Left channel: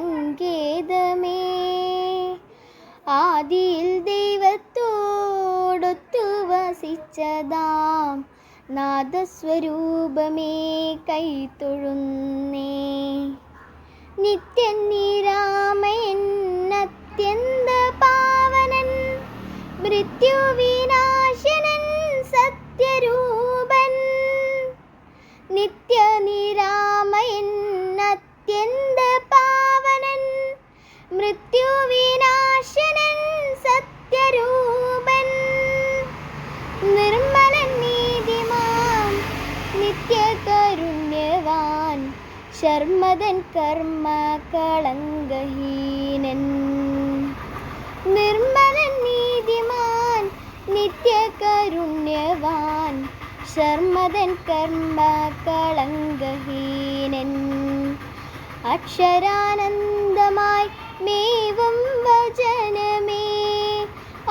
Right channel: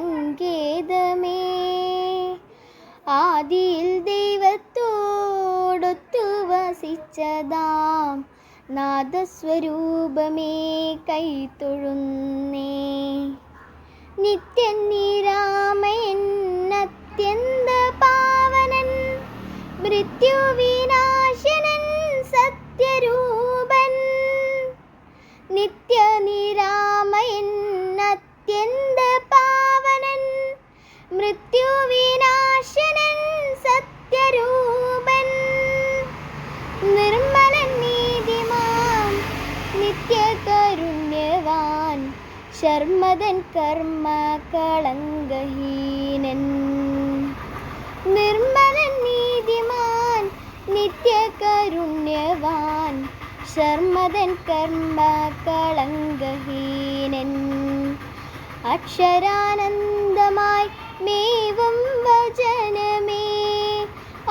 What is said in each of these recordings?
സങ്കേതമേ, ആദിയിൽ ദൈവത്തോടൊത്തു വസിച്ചതാം നാദസ്വരൂപമേ കൈത്തൊഴുന്നേ. നിത്യനിരാമയൻ അത്യന്ത പാവനൻ, മൃത്യുവിനാശനൻ സത്യരൂപൻ. നിത്യനിരാമയൻ അത്യന്ത പാവനൻ, മൃത്യുവിനാശനൻ സത്യരൂപൻ. നിർമ്മലൻ നീതിമാൻ നിത്യകരുണ്യവാൻ, ശർമ്മദൻ കർമ്മ കളങ്കഹീനൻ. നിർമ്മലൻ നീതിമാൻ നിത്യകരുണ്യവാൻ, ശർമ്മദൻ കർമ്മ കളങ്കഹീനൻ. അക്ഷരാനന്ദമായി മേവും വചനമേ,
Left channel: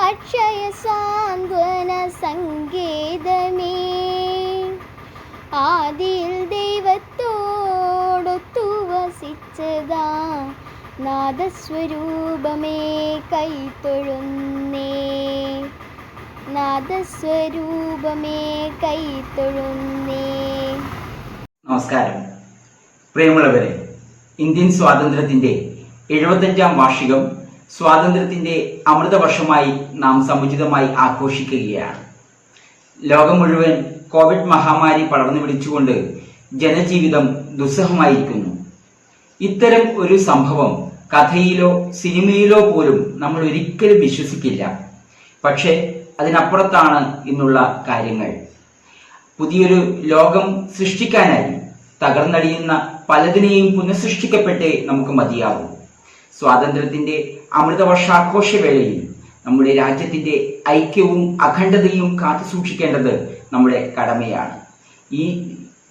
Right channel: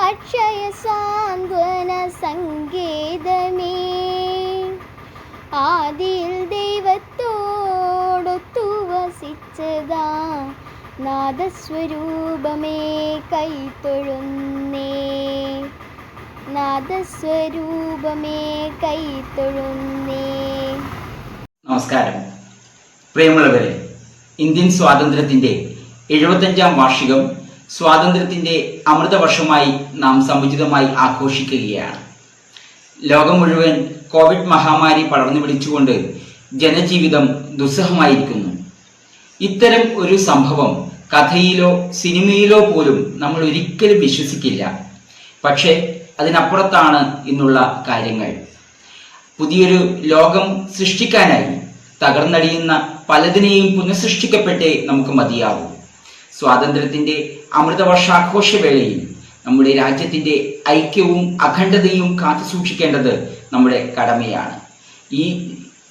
അക്ഷയ സാന്ത്വന സങ്കേതമേ, ആദിയിൽ ദൈവത്തോടൊത്തു വസിച്ചതാ നാദസ്വരൂപമേ കൈത്തൊഴുന്നേ. നാദസ്വരൂപമേ കൈത്തൊഴുന്നേ. നമസ്കാരം പ്രിയമുള്ളവരെ, ഇന്ത്യൻ സ്വാതന്ത്ര്യത്തിൻ്റെ 75-ാം വാർഷികം സ്വാതന്ത്ര്യത്തിൻ്റെ അമൃതവർഷമായി നാം സമുചിതമായി ആഘോഷിക്കുകയാണ്. ലോകം മുഴുവൻ കോവിഡ് മഹാമാരി പടർന്നു പിടിച്ചുകൊണ്ട് ജനജീവിതം ദുസ്സഹമായിരിക്കുന്നു. ഇത്തരം ഒരു സംഭവം കഥയിലോ സിനിമയിലോ പോലും നമ്മൾ ഒരിക്കലും വിശ്വസിക്കില്ല. പക്ഷേ അതിനപ്പുറത്താണ് ഇന്നുള്ള കാര്യങ്ങൾ. പുതിയൊരു ലോകം സൃഷ്ടിക്കാനായി തകർന്നടിയുന്ന പലതിനെയും പുനഃസൃഷ്ടിക്കപ്പെട്ടേ നമുക്ക് മതിയാവൂ. സ്വാതന്ത്ര്യത്തിൻ്റെ അമൃതവർഷാഘോഷവേളയിൽ നമ്മുടെ രാജ്യത്തിൻ്റെ ഐക്യവും അഖണ്ഡതയും കാത്തുസൂക്ഷിക്കേണ്ടത് നമ്മുടെ കടമയാണ്. ഈ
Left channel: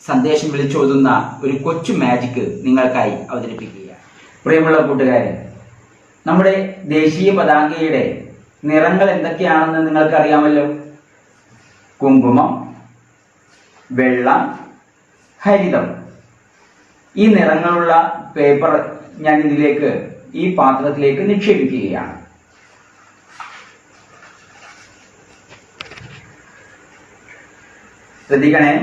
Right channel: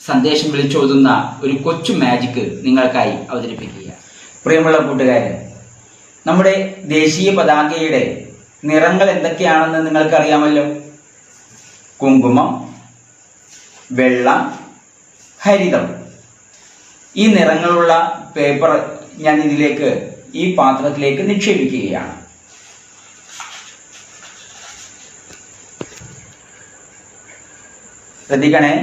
സന്ദേശം വിളിച്ചോതുന്ന ഒരു കൊച്ചു മാജിക് നിങ്ങൾക്കായി അവതരിപ്പിക്കുകയാണ്. പ്രിയമുള്ള കൂട്ടുകാരെ, നമ്മുടെ ദേശീയ പതാകയുടെ നിറങ്ങൾ എന്തൊക്കെയാണെന്ന് നിങ്ങൾക്കറിയാമല്ലോ. കുങ്കുമം, വെള്ള, ഹരിതം. ഈ നിറങ്ങളുള്ള പേപ്പർ ഞാൻ ഈ പാത്രത്തിലേക്ക് നിക്ഷേപിക്കുകയാണ്. ശ്രദ്ധിക്കണേ.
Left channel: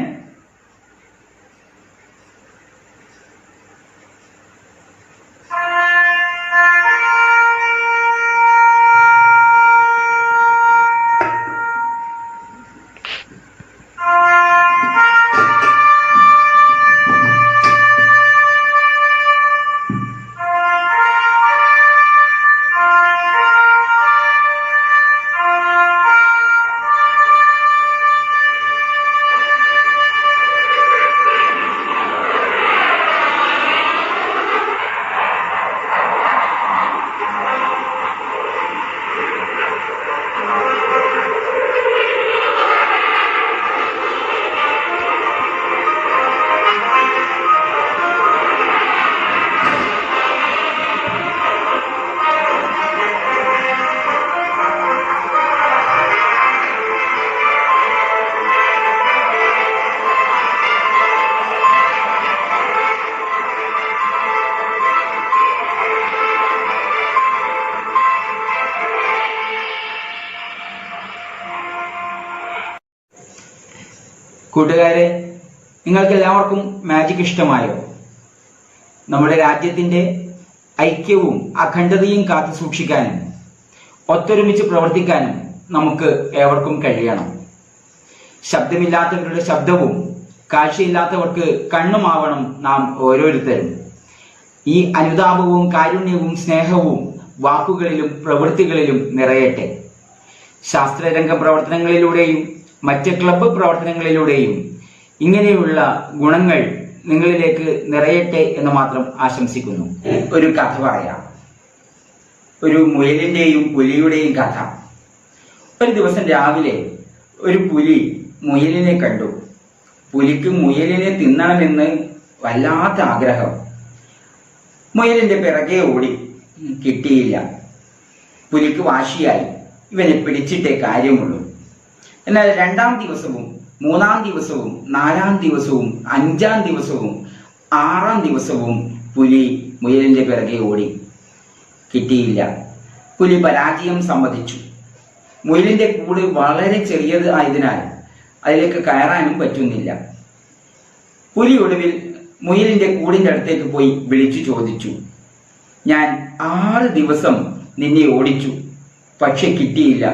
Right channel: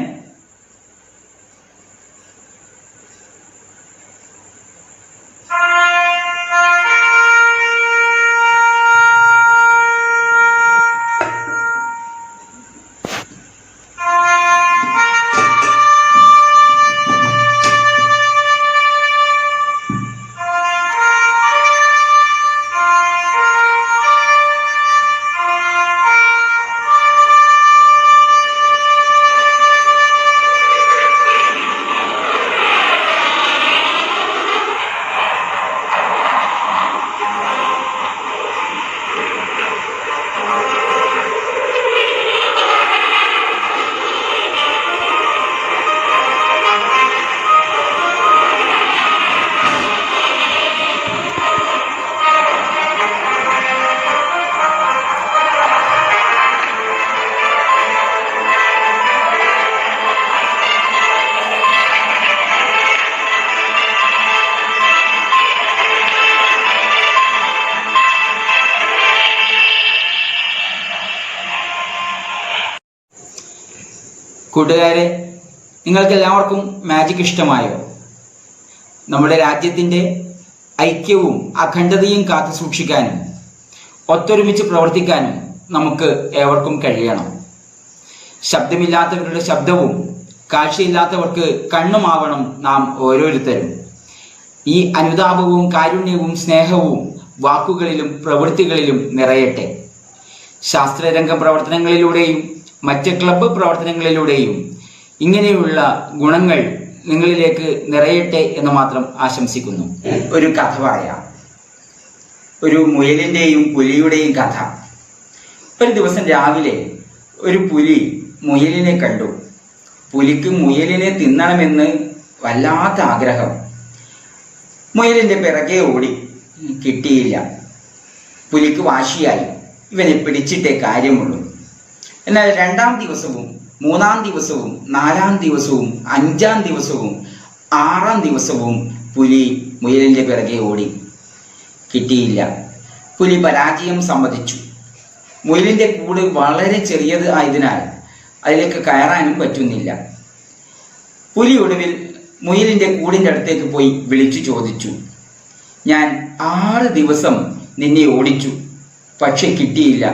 കൂട്ടുകാരെ, നിങ്ങൾക്കെല്ലാവർക്കും മാജിക് ഇഷ്ടമായോ? നമ്മുടെ രാജ്യത്തിൻ്റെ ഐക്യവും അഖണ്ഡതയും കാത്തു സൂക്ഷിക്കാനും ഒത്തൊരുമിച്ച് പ്രവർത്തിക്കാനും നമുക്ക് ഏവർക്കും കഴിയണം. ശബ്ദമില്ലാത്തവരുടെ ശബ്ദവും കാഴ്ചയില്ലാത്തവർക്ക് കണ്ണുമാവണം നാം ഓരോരുത്തരും. ഈ അനുതാപവും കാരുണ്യവും സ്നേഹവും വാക്കുകളിലും പ്രവൃത്തികളിലും നിറയട്ടെ. ശാസ്ത്രരംഗ പ്രവർത്തനങ്ങളിലൂടെയും മറ്റ് ക്ലബ്ബ് പ്രവർത്തനങ്ങളിലൂടെയും ഇങ്ങനെയുള്ള ഗുണങ്ങൾ നിങ്ങളിലേക്ക് നിറയട്ടെ എന്ന് മാത്രം ആശംസിക്കുന്നു. ഒരു കഥ പറയാം. ഒരു മുയലിൻ്റെയും പുലിയുടെയും കഥ. ഒരു ദിവസം രാവിലെ ഒരു പുലി മുയലിനെ കണ്ടു. പുലിക്ക് മുയലിനെ തിന്നണമെന്ന് വല്ലാത്ത ആഗ്രഹം. മുയലിൻ്റെ പിറകെ ഓടി, കിട്ടിയില്ല. പുലിക്ക് വാശിയായി, ഇവനെ പിടിച്ചിട്ടേ കാര്യമുള്ളൂ. എന്നാൽ 2-ാം ദിവസവും 3-ാം ദിവസവും 4-ാം ദിവസവും 5-ാം ദിവസവും 6-ാം ദിവസവും പുലി മുയലിൻ്റെ പിറകെ ഓടി. കിട്ടിയില്ല. പുലി പരാജയം സമ്മതിച്ചു. മുയലിൻ്റെ കൂട് വളരെ ചെറിയത് ആയതിനാൽ അതിലേക്ക് കയറാനും പറ്റുന്നില്ല. പുലി ഒടുവിൽ മുയലിൻ്റെ കൂടിൻ്റെ അടുത്തേക്ക് പോയി വിളിച്ചു ചോദിച്ചു, ഞാൻ 6 ദിവസം നിന്നെ ഓടിച്ചു, പക്ഷെ കിട്ടിയില്ല.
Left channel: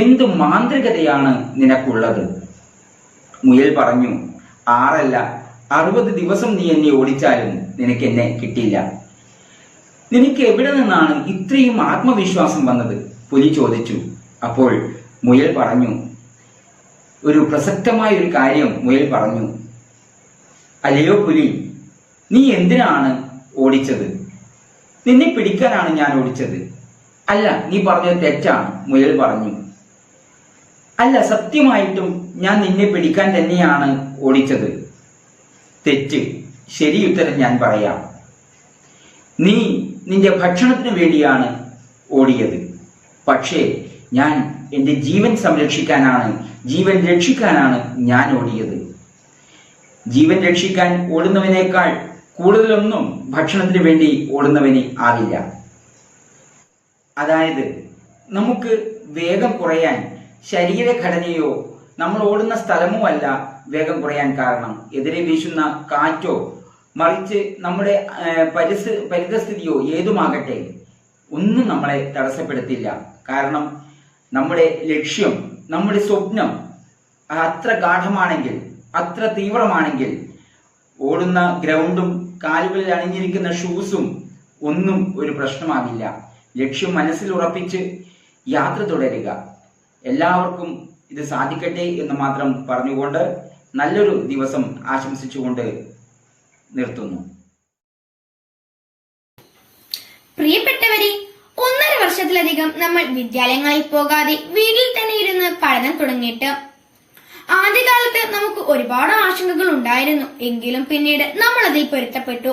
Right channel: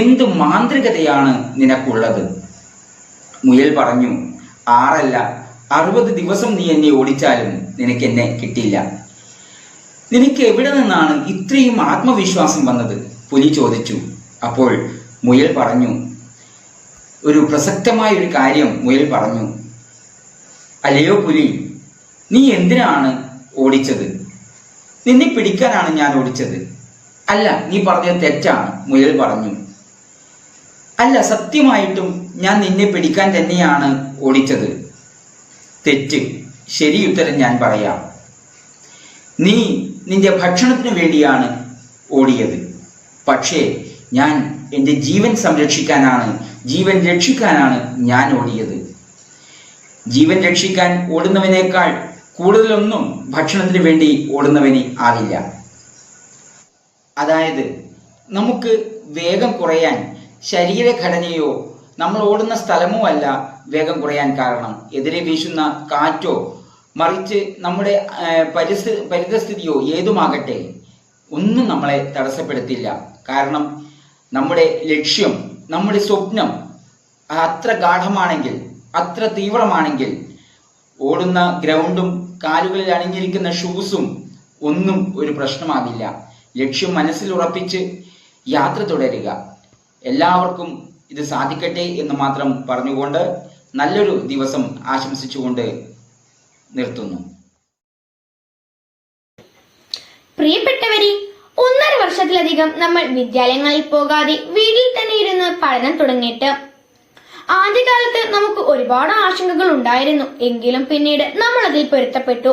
എന്ത് മാന്ത്രികതയാണ് നിനക്കുള്ളത്? മുയൽ പറഞ്ഞു, 6 അല്ല 60 ദിവസം നീ എന്നെ ഓടിച്ചാലും നിനക്ക് എന്നെ കിട്ടില്ല. നിനക്ക് എവിടെ നിന്നാണ് ഇത്രയും ആത്മവിശ്വാസം വന്നത്? പുലി ചോദിച്ചു. അപ്പോൾ മുയൽ പറഞ്ഞു, ഒരു പ്രസക്തമായ ഒരു കാര്യം മുയൽ പറഞ്ഞു. അല്ലയോ പുലി, നീ എന്തിനാണ് ഓടിച്ചത്? നിന്നെ പിടിക്കാനാണ് ഞാൻ ഓടിച്ചത്. അല്ല, നീ പറഞ്ഞത് തെറ്റാണ്, മുയൽ പറഞ്ഞു. അല്ല, സത്യമായിട്ടും ഞാൻ നിന്നെ പിടിക്കാൻ തന്നെയാണ് ഓടിച്ചത്. തെറ്റ്. ശരി ഉത്തരം ഞാൻ പറയാം. നീ നിന്റെ ഭക്ഷണത്തിന് വേണ്ടിയാണ് ഓടിയത്. പക്ഷേ ഞാൻ എൻ്റെ ജീവൻ സംരക്ഷിക്കാനാണ്, ജീവൻ രക്ഷിക്കാനാണ് ഞാൻ ഓടിയത്. ജീവൻ രക്ഷിക്കാൻ ഓടുന്നവനേക്കാൾ കൂടുതലൊന്നും ഭക്ഷണത്തിന് വേണ്ടി ഓടുന്നവന് ആവില്ല. അതായത് നമുക്ക് വേഗം കുറയാൻ ശരീരഘടനയോ നമ്മൾ ഓടുന്ന സ്ഥലമോ അല്ല വേഗം കുറയാൻ കാരണം. എതിരെ വീശുന്ന കാറ്റോ മറിച്ച് നമ്മുടെ പരിതസ്ഥിതിയോ ഏതുമാകട്ടെ ഒന്നും നമ്മളെ തടസ്സപ്പെടുത്തില്ല. കാരണം നമ്മുടെ ലക്ഷ്യം, നമ്മുടെ സ്വപ്നം അത്ര ഗാഠമാണെങ്കിൽ, അത്ര തീവ്രമാണെങ്കിൽ ഓടുന്ന ഗ്രൗണ്ടും കാലുകളിൽ അണിഞ്ഞിരിക്കുന്ന ഷൂസും ഒന്നും ഒരു പ്രശ്നമാകില്ല. ലക്ഷ്യം മനസ്സിൽ ഉറപ്പിച്ച് യാത്ര തുടരുക. എല്ലാവർക്കും ഇത് സാധിക്കട്ടെ എന്ന് മാത്രം പറഞ്ഞുകൊണ്ട് നല്ലൊരു ദിവസം ആശംസിച്ചുകൊണ്ട് നിർത്തുന്നു. പ്രിയപ്പെട്ടവരെ, 1.5 വർഷത്തിലധികം നമ്മൾ വിദ്യാലയങ്ങളിൽ പോകാതെ വീട്ടിൽ തന്നെ ഇരുന്ന് പഠനം തുടങ്ങിയിട്ട് ആദ്യകാലത്ത് നമുക്ക് ഒരുപാട് ആശങ്കകൾ ഉണ്ടായിരുന്നു. എങ്കിലും പിന്നീട് നമ്മൾ അതിൽ പൊരുത്തപ്പെട്ടു.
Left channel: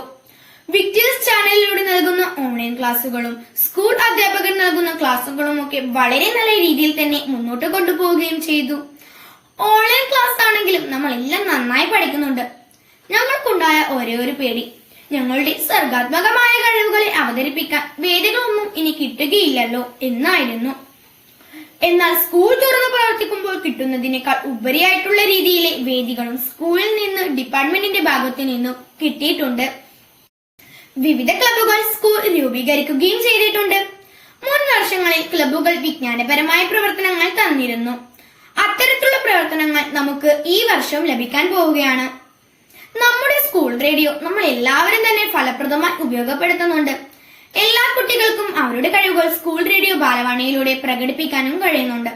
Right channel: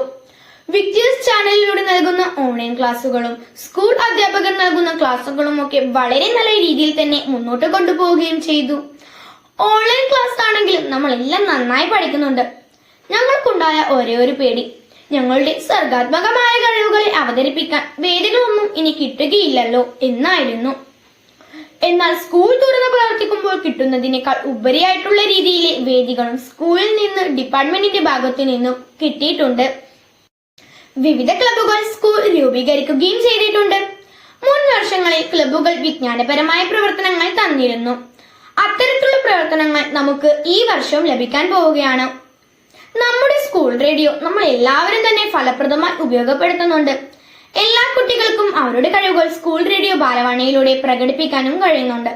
വിക്ടേഴ്സ് ചാനലിലൂടെ നൽകുന്ന ഓൺലൈൻ ക്ലാസ്സുകളും സ്കൂൾ അധ്യാപകർ നൽകുന്ന ക്ലാസ്സുകളും ഒക്കെ വളരെ നല്ല രീതിയിൽ തന്നെ മുന്നോട്ട് കൊണ്ടുപോവുകയും ചെയ്തു. ഓൺലൈൻ ക്ലാസ് ആണെങ്കിലും നമ്മളെല്ലാം നന്നായി പഠിക്കുന്നുണ്ട്. ഞങ്ങൾക്കുണ്ടായ ഒരേ ഒരു പേടി, ഞങ്ങളുടെ സർഗാത്മകമായ കഴിവുകളെ അവതരിപ്പിക്കാൻ വേദികളൊന്നും ഇനി കിട്ടുകയില്ലല്ലോ എന്നായിരുന്നു. എന്നാൽ സ്കൂൾ തുറന്ന് പ്രവർത്തിക്കുമ്പോൾ കിട്ടുന്നതിനേക്കാൾ ഉപരിയായിട്ടുള്ള രീതിയിലെ വേദികളും സ്കൂളിൽ നിന്ന് ഡിപ്പാർട്ട്മെന്റിന്റെ ഭാഗത്തു നിന്നും കിട്ടിയിട്ടുണ്ട്. വിവിധ ക്ലബ്ബുകൾ സ്കൂൾ രൂപീകരിക്കുകയും ചെയ്തിട്ടുണ്ട്. മുൻ വർഷങ്ങളിൽ ക്ലബ്ബുകൾ വിജ്ഞാനപരമായ പ്രവർത്തനങ്ങൾ തന്നിരുന്നു. അത്തരത്തിലുള്ള പ്രവർത്തനങ്ങൾ നമുക്ക് ഈ വർഷം ലഭിക്കാൻ പോവുകയാണ്. നമ്മുടെ സ്കൂൾ റേഡിയോ നമ്മൾ എല്ലാവരും തന്നെ ഫലപ്രദമായി ഉപയോഗപ്പെടുത്തുന്നുണ്ട്. എല്ലാ കുട്ടികൾക്കും അവരുടെ കഴിവുകൾ സ്കൂൾ റേഡിയോ ബാലവാണിയിലൂടെ പ്രകടിപ്പിക്കാനും കഴിയുന്നുണ്ട്.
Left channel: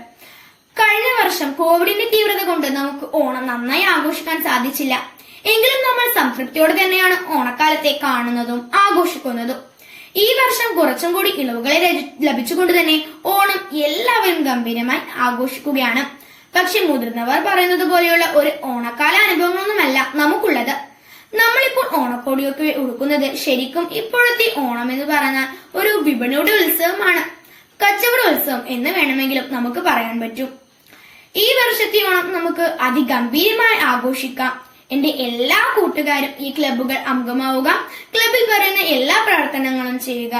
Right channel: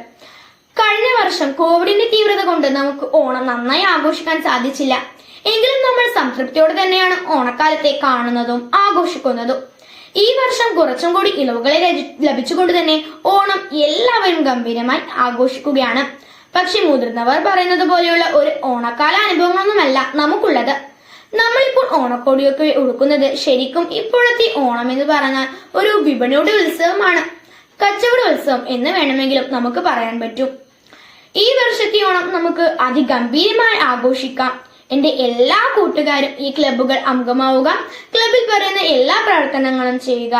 കഴിഞ്ഞ വർഷം കോവിഡിന്റെ തീവ്രത കൊണ്ട് നമുക്ക് ഓണം നന്നായി ആഘോഷിക്കാൻ സാധിച്ചില്ല. എങ്കിലും നമ്മൾ സംതൃപ്തിയോടെ തന്നെയാണ് ഓണക്കാലത്തെ കാണുന്നതും ആഘോഷിക്കുന്നതും. ഈ വർഷം കുറച്ചും കൂടി ഇളവുകളെ ലഭിച്ചുകൊണ്ട് തന്നെ ഓണം എല്ലാവരും ഗംഭീരമായി ആഘോഷിക്കുകയാണ്. പക്ഷെ മുതിർന്നവർ പറയുന്നത് പോലെയുള്ള ഒരു ഓണക്കാല അനുഭവങ്ങളൊന്നുമല്ല നമുക്കുള്ളത്. നമ്മളിപ്പോൾ ഓണക്കോടിയൊക്കെ ഉടുക്കുന്നത് ശരിക്കും ഇപ്പോഴത്തെ ഓണം എന്ന് പറഞ്ഞാൽ ഒരു വിപണിയുടെ ഉത്സവമാണ്, കച്ചവട ഉത്സവം എന്ന് വേണമെങ്കിലും നമുക്ക് പറയാൻ പറ്റും. ഈ വർഷത്തെ ഓണം നമുക്ക് അതിഗംഭീരമായി ആഘോഷിക്കാം. എന്റെ എല്ലാ കൂട്ടുകാരും ഈ ക്ലബ്ബുകൾ അംഗമാവുക, ക്ലബിൽ പറയുന്ന എല്ലാ പ്രവർത്തനങ്ങളും ചെയ്യുക.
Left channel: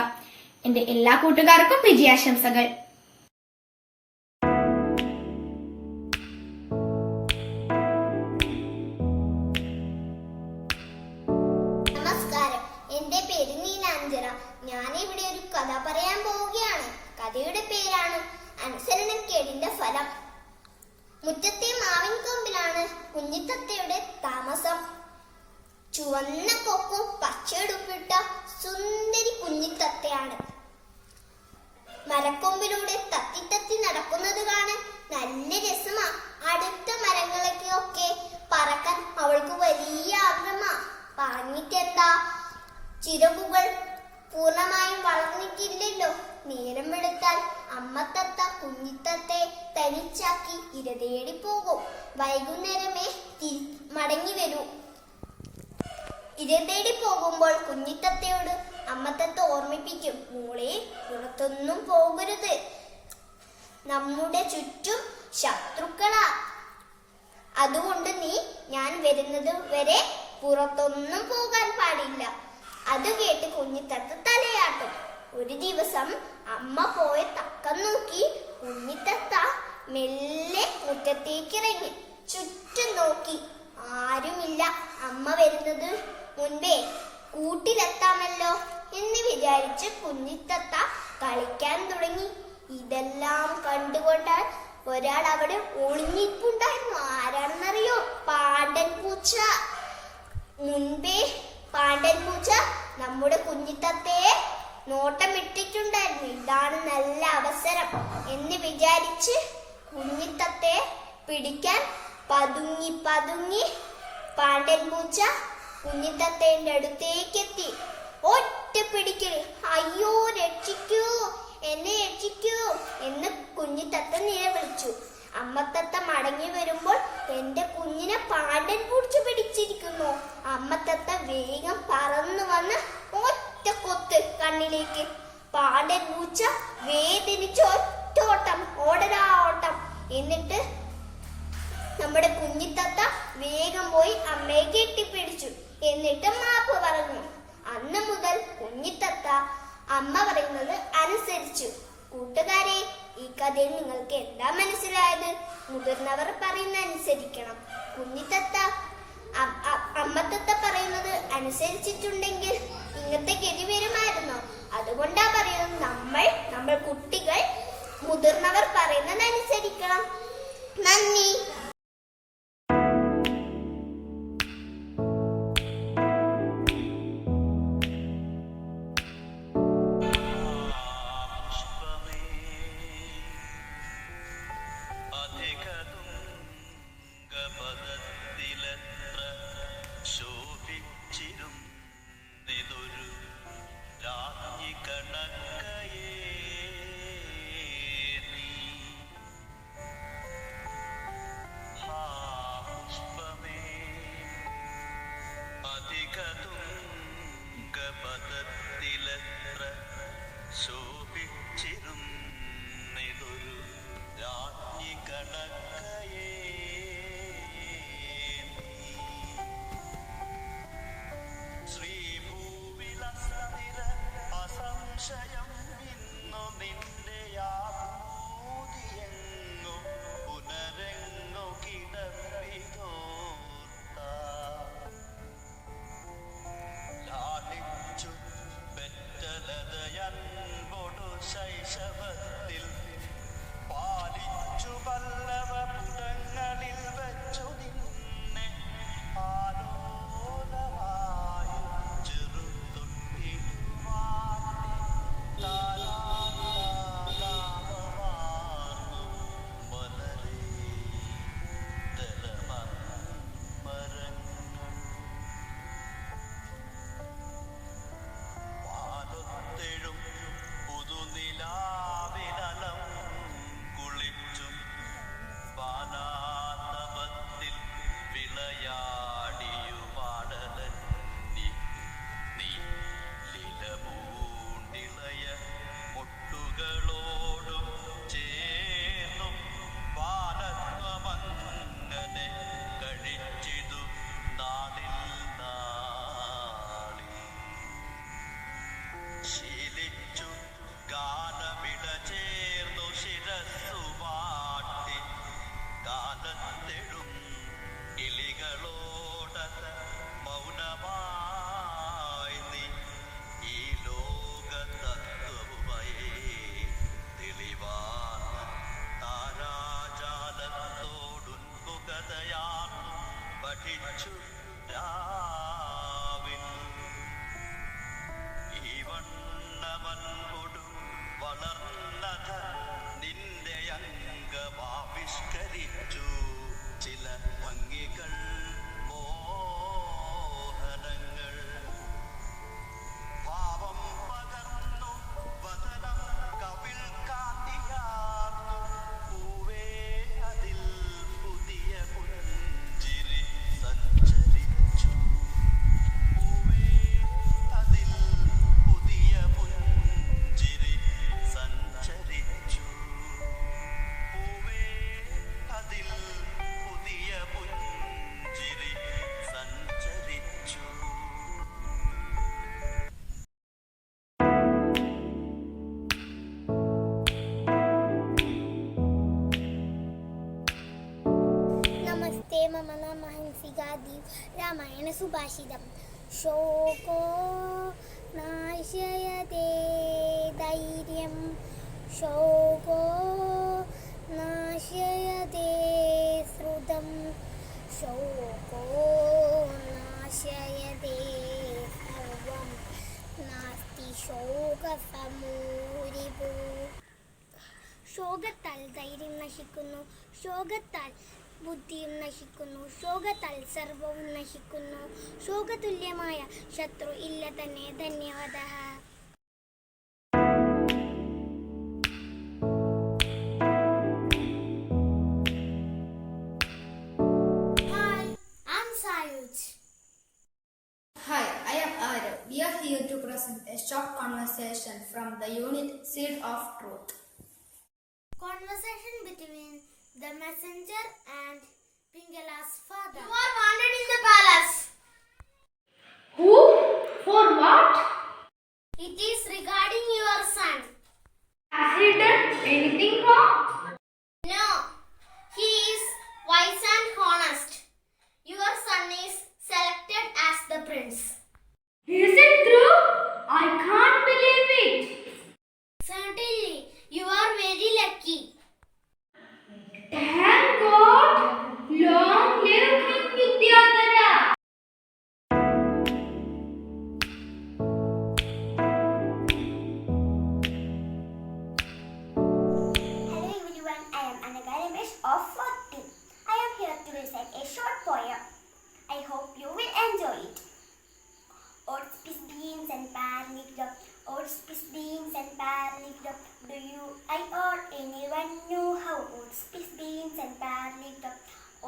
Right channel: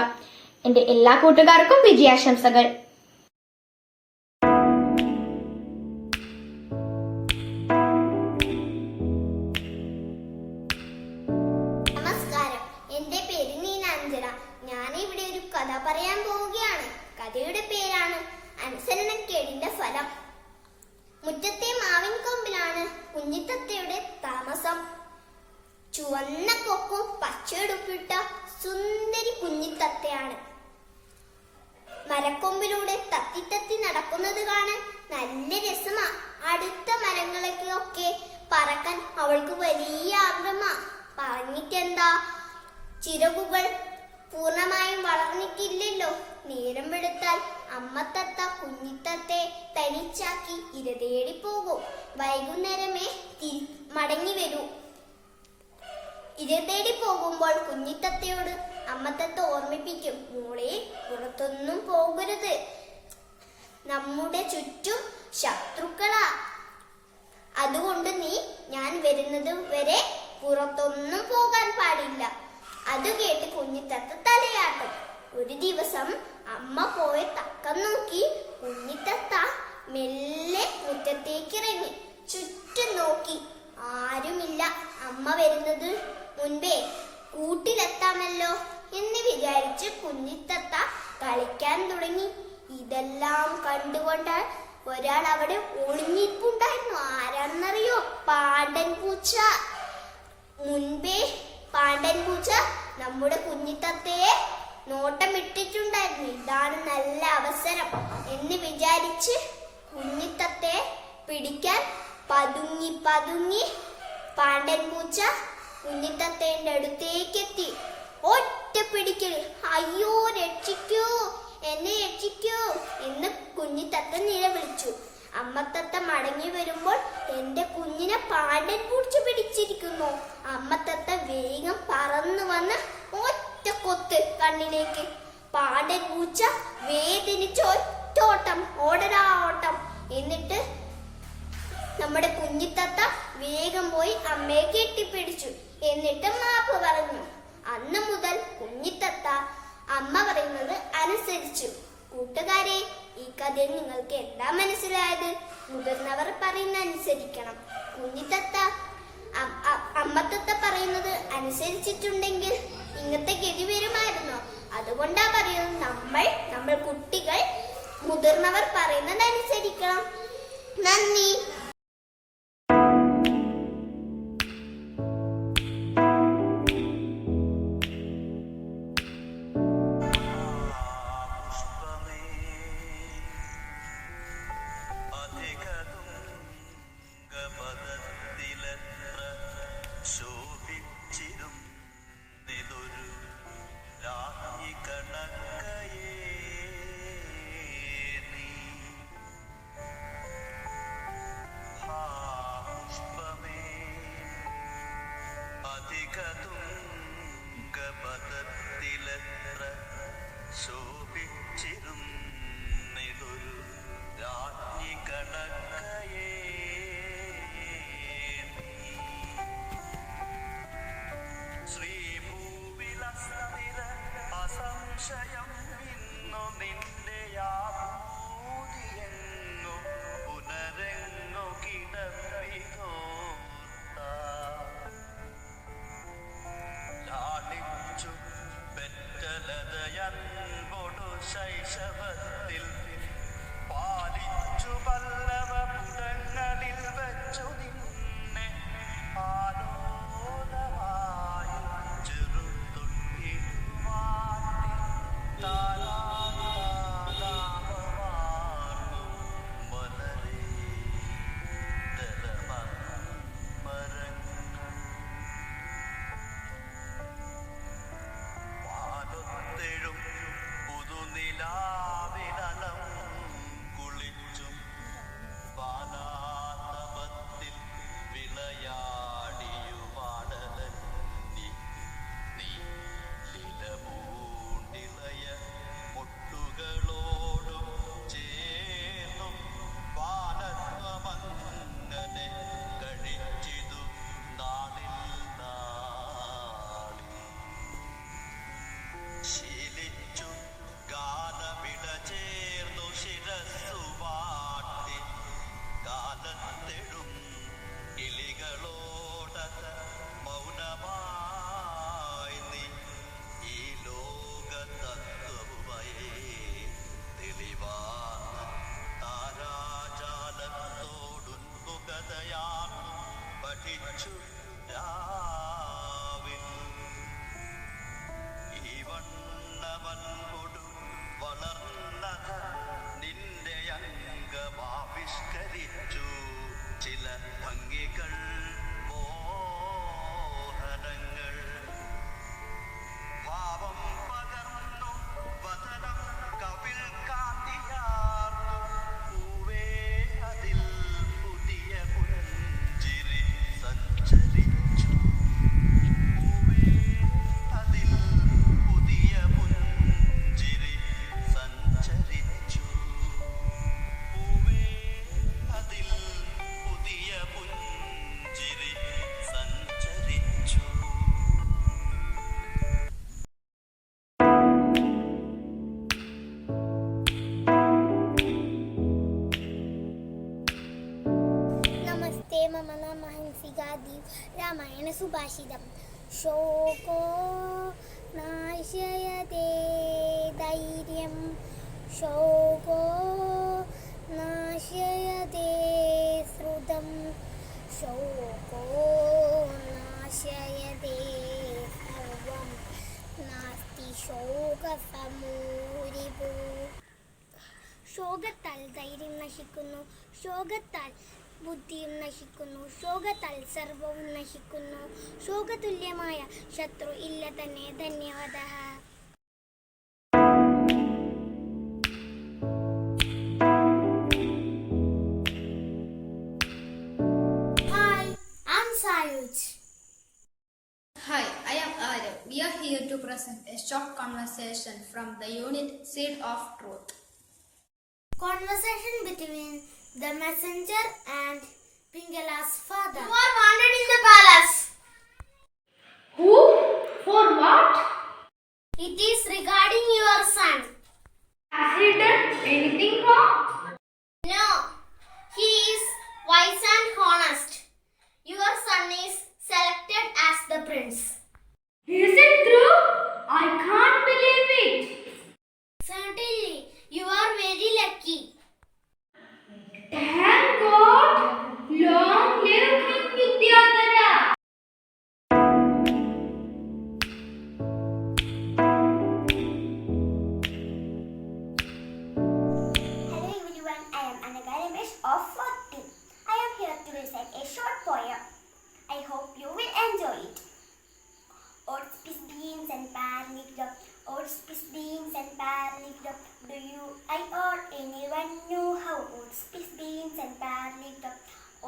എന്റെ എല്ലാ കൂട്ടുകാർക്കും വിജയാശംസകൾ. നമസ്കാരം, എന്റെ പേര് നീലാഞ്ജന. ഞാനിവിടെ ഒരു കഥ പറയാൻ പോവുകയാണ്. കഥയുടെ പേരാണ് അനുസരണക്കേടിന്റെ ഫലം. മുറ്റത്തെ മാവിൻ കൊമ്പിലാണ് കുഞ്ഞിത്തത്തയുടെ താമസം. ചുവന്ന കൊക്കും പച്ചയുടുപ്പിട്ട സുന്ദരി കുഞ്ഞിത്തത്തയാണ്. മരക്കൊമ്പിലൂടെ തത്തി നടക്കുന്നത് കാണാൻ നല്ല രസമാ. അടുത്ത മരങ്ങളിലേക്കൊക്കെ പറക്കാൻ അവൾക്ക് വലിയ ആഗ്രഹമാ. പറഞ്ഞിട്ടെന്താ, ചിറകുകൾ പൂർണ്ണമായും വളർന്നിട്ടില്ലല്ലോ. നേരം വെളുത്താൽ അമ്മത്തത്ത കുഞ്ഞിത്തത്തെ തനിച്ചാക്കി ഇര തേടി പോകും. വൈകുന്നേരമേ മടങ്ങി വരൂ. ഇര തേടി പോകുമ്പോൾ കുഞ്ഞിത്തത്തയോട് അമ്മത്തത്ത ഓർമ്മിപ്പിക്കും, മോളെ പുറത്തൊന്നും പോകരുത്, നമ്മുടെ ചുറ്റും ശത്രുക്കളാ. അതുകൊണ്ട് നീ ഞാൻ വരുന്നത് വരെ പുറത്തൊന്നും പോകാൻ പാടില്ല. അത് കേട്ട് കുഞ്ഞിത്തത്ത തലയാട്ടും. ഒരു ദിവസം അമ്മ പോയ തക്കം നോക്കി കുഞ്ഞിത്തത്ത മെല്ലെ മുറ്റത്തേക്ക് ഇറങ്ങി. ചുറ്റും നോക്കി, ആരുമില്ല. അമ്മ വരുന്നത് മുൻപേ കൂട്ടിലെത്താമല്ലോ എന്ന് വിചാരിച്ച് കുഞ്ഞിത്തത്ത കളിക്കാൻ തുടങ്ങി. ഇതെല്ലാം കണ്ടുകൊണ്ട് ഒരാൾ അവിടെ ഒളിഞ്ഞിട്ടുണ്ടായിരുന്നു. ആരാണെന്നറിയോ? പാണ്ടൻ പൂച്ച. മുൻപേ പാണ്ടൻ പൂച്ച നമ്മുടെ കുഞ്ഞിത്തത്തയെ നോട്ടമിട്ടിട്ടുണ്ടായിരുന്നു. ഇതാണ് നല്ല അവസരം എന്ന് വിചാരിച്ച് കുഞ്ഞിത്തത്തയെ പിടിക്കാൻ പതുങ്ങി പതുങ്ങി പാണ്ടൻ പൂച്ച കുഞ്ഞിത്തത്തേന്റെ അടുത്തേക്കെത്തി. ഒറ്റ പിടിക്കൽ. അയ്യോ, രക്ഷിക്കൂ, എന്നെ രക്ഷിക്കൂ എന്ന് കുഞ്ഞിത്തത്ത നിലവിളിച്ചു. അമ്മത്തത്ത മടങ്ങി വരുമ്പോൾ എന്റെ കുഞ്ഞിനെ പാണ്ടൻ പൂച്ച പിടിച്ചിരിക്കുന്നു. അമ്മത്തത്ത വേഗം പറന്നു വന്ന് ഒറ്റ കൊത്ത് കണ്ണിലേക്ക്. പാണ്ടൻ പൂച്ച വേദനിച്ച് ഒറ്റോട്ടം, ഓടരാ ഓട്ടം. എന്നിട്ട് നമ്മുടെ കുഞ്ഞിത്തത്ത വേഗം പോയി അമ്മയെ കെട്ടിപ്പിടിച്ചു. എന്നിട്ട് മാപ്പ് പറഞ്ഞു. അന്ന് മുതൽ കുഞ്ഞിത്തത്ത അമ്മ പറയുന്നത് അനുസരിച്ചു. കൂട്ടുകാരെ, ഈ കഥയിൽ നിങ്ങൾക്ക് എന്താ മനസ്സിലായത്? മുതിർന്നവർ പറയുന്ന അനുസരിക്കണം. കുഞ്ഞിത്തത്ത അമ്മത്തത്ത പറയുന്നത് അനുസരിച്ചിട്ടുണ്ടെങ്കിൽ ഇങ്ങനത്തെ ഗതി വരുമായിരുന്നോ? അതുകൊണ്ടാ പറയുന്നത് നമ്മൾ കുട്ടികൾ മുതിർന്നവർ പറയുന്നത് അനുസരിക്കണം. നന്ദി. അസംശയം ഇന്നു നിന്റെ യാഭൂതിയെങ്ങു പുനരെങ്ങു കിടപ്പിതോർത്ത ലാളിച്ചു പെറ്റലതയൻപൊടു ശൈശവത്തിൽ പാലിച്ചു പല്ലവ പുടങ്ങളിൽ വെച്ചു നിന്നെ ആലോലമായി ചെറുതൊട്ടിടുവാട്ടി താരാതാപമാർന്നു മലരേ ദലമരങ്ങൾ വാനത്തെഴും പുതുനിലാവിലം കുളിച്ചും ബാലാതപത്തിൽ വിളയാടിയുമാടലന്നി നീ ലീലപൂണ്ടിളയ മുട്ടുകളോടും ചേർന്നും ബാലത്വമങ്ങനെ കഴിച്ചിതു നാളിൽ നാളിൽ ശീലിച്ചു ഗാനമിട ചേർന്നു ശിരസ്സു വാട്ടി കാലത്തെഴും കിളികളോടത മൗനമായി നീ ഈ ലോക തത്വമയേ തെളിവാന താരാജാലത്തോടുൻമുഖതയാൻ പഠിച്ചു രാവിൽ ഈ വണ്ണമൻകൊടു വളർന്നത നിന്റെ അംഗമാവിഷ്കരിച്ചു ചില ഭംഗികൾ മോഹനങ്ങൾ ഭാവം പകർന്നു വദനം കവിൾ കാട്ടിയാർന്നു പൂവേ അതിൽ പുതിയ പുഞ്ചിരി സഞ്ചരിച്ചു പൂവേ അതിൽ പുതിയ പുഞ്ചിരി സഞ്ചരിച്ചു പൂവേ അതിൽ പുതിയ പുഞ്ചിരി സഞ്ചരിച്ചു മമ നമഹംസികാദീ രാമായണ സുഭാഷിതം ശോകോ നാശയതേ ധൈര്യം ശോകോ നാശയതേ ശ്രുതം ശോകോ നാശയതേ സർവം നാസ്തി ശോകസമൂരിപു. ശോകത്താൽ ധൈര്യം നശിക്കുന്നു, ശോകത്താൽ ബുദ്ധിയും നശിക്കുന്നു, ശോകത്താൽ സർവവും നശിക്കുന്നു. ശോകതുല്യമായ ശത്രു ഇല്ല തന്നെ. ധന്യവാദഃ. Hi, I'm Sayuj. Hi, I am Arya. We are here to present a short conversation from the unit Seed of Truth. Conversation between the messenger and Pingala's father. You are wanted in the palace. Who? For what? It is regarding your son. Has he done anything wrong? No, he is wise and honest. Your son is selected as the prince. Is it true? I can't believe it. Certainly, you are very lucky. Thank God. Long live King Vidyadhara. Hello everyone, I am Anaga Ramesh of 40. I am here to recite a short poem. I hope you will enjoy it. Oats, peas, beans and parlic-dop. Oats, peas, beans and parlic-dop. Do you, I or anyone know how oats, peas, beans and parlic-dop?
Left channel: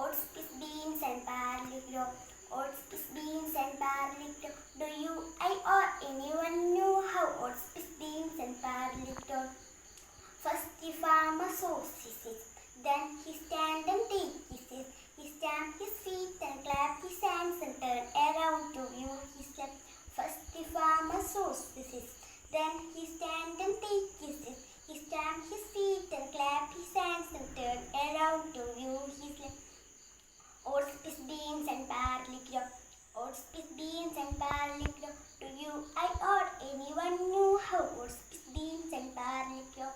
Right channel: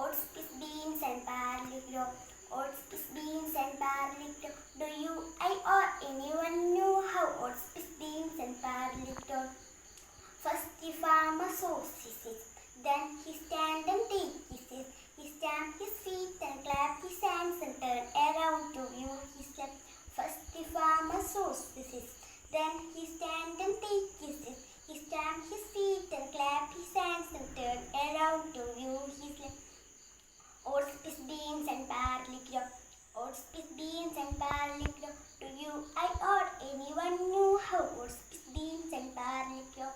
Oats, peas, beans and parlic-dop. Oats, peas, beans and parlic-dop. Do you, I or anyone know how oats, peas, beans and parlic-dop? First the farmer sows his seed, then he stand and take his seed. He stamp his feet and clap his hands and turn around to view his left. First the farmer sows his seed, then he stand and take his seed. He stamp his feet and clap his hands and turn around to view his left. Oats, peas, beans and parlic-dop. Oats, peas, beans and parlic-dop. Do you, I or anyone know how oats, peas, beans and parlic-dop?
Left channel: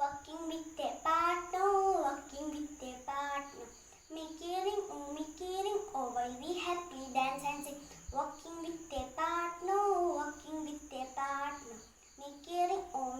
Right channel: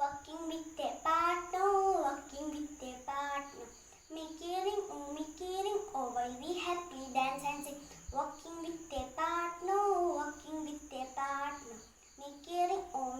Walking with a partner, walking with a partner. Me caring, oh, while we happy dance and sing. Walking with a partner, walking with a partner. Me caring, oh,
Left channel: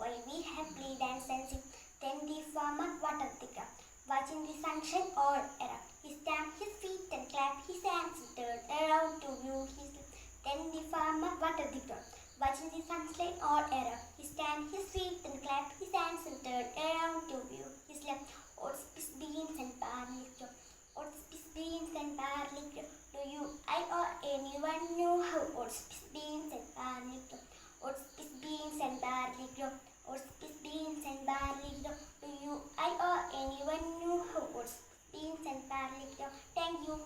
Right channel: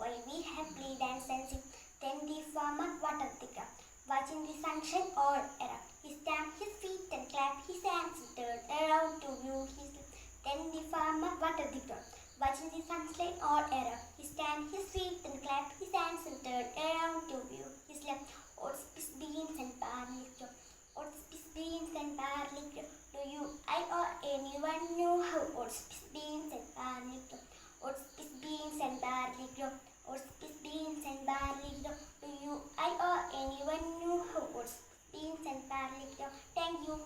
while we happily dance and sing. Then the farmer watered the ground, watching the sunshine all around. He stamped his feet and clapped his hands and turned around to view his left. Then the farmer watered the ground, watching the sunshine all around. He stamped his feet and clapped his hands and turned around to view his left. Oats, peas, beans and parlic-dop. Oats, peas, beans and parlic-dop. Do you, I or anyone know how oats, peas, beans and parlic-dop? Oats, peas, beans and parlic-dop. Oats, peas, beans and parlic-dop. Do you, I or anyone know how oats, peas, beans and parlic-dop? Thank you.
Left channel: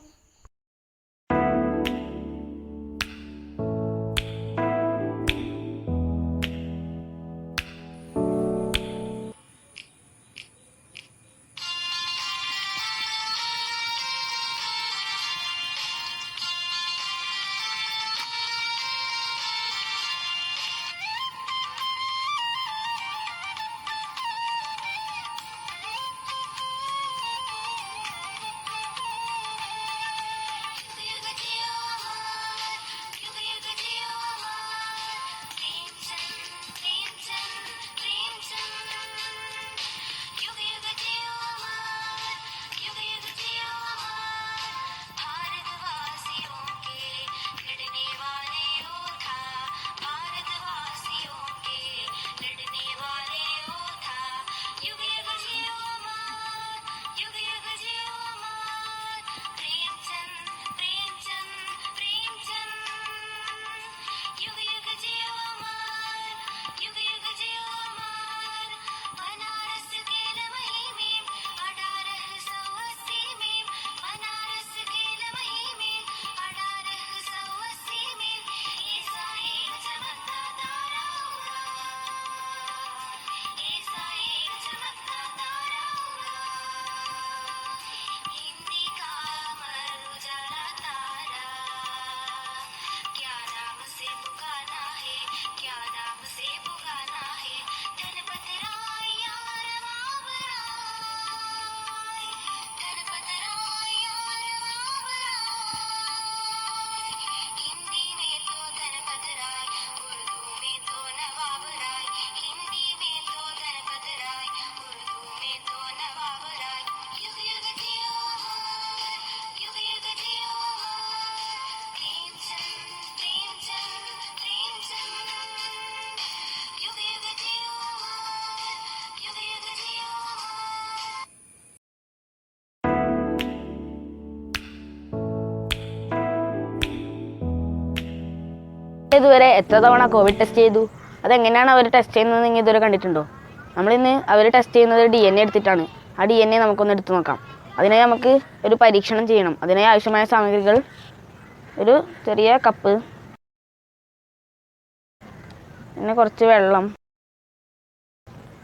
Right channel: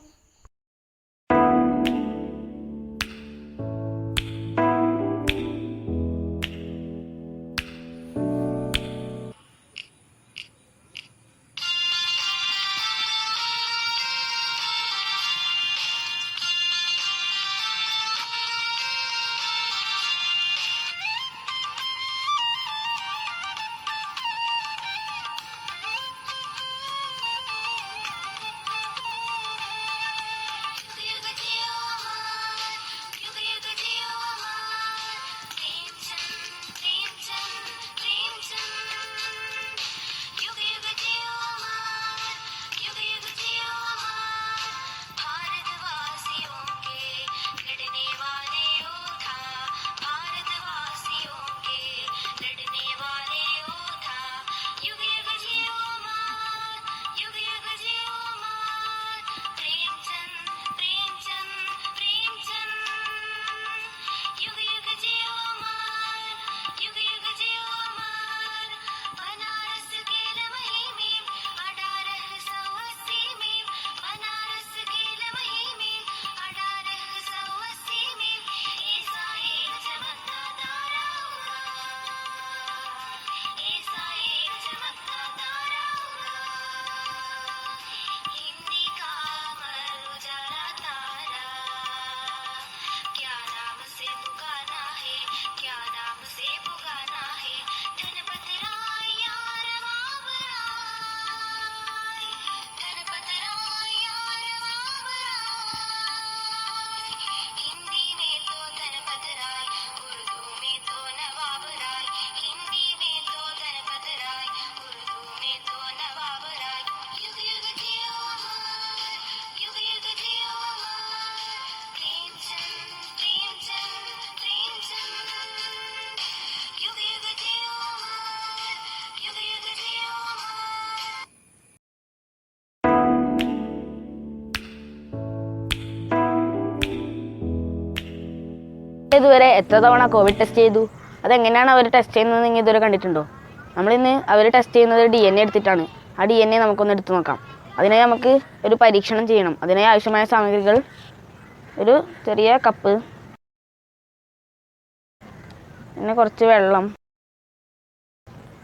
ഇതുവരെ എത്ര തവണ Covid test ചെയ്തു? അതെങ്ങനെയാണ് അവർ test ചെയ്യുന്നത് നിങ്ങൾ ഇതുവരെ കണ്ടിട്ടുണ്ടോ? നമ്മളിന്ന് അവർ ടെസ്റ്റ് ചെയ്യുന്നത് DNA എടുത്തിട്ടാണ്. ആ DNA നമുക്കൊന്ന് എടുത്തു നോക്കാം. അതിനായി നമുക്ക് ഒരു പരീക്ഷണം ചെയ്യണം. അതിനായി ആവശ്യമായ സാമഗ്രികൾ ഒരു ചെറിയ കപ്പ്, പിന്നെ കുറച്ച് വെള്ളം,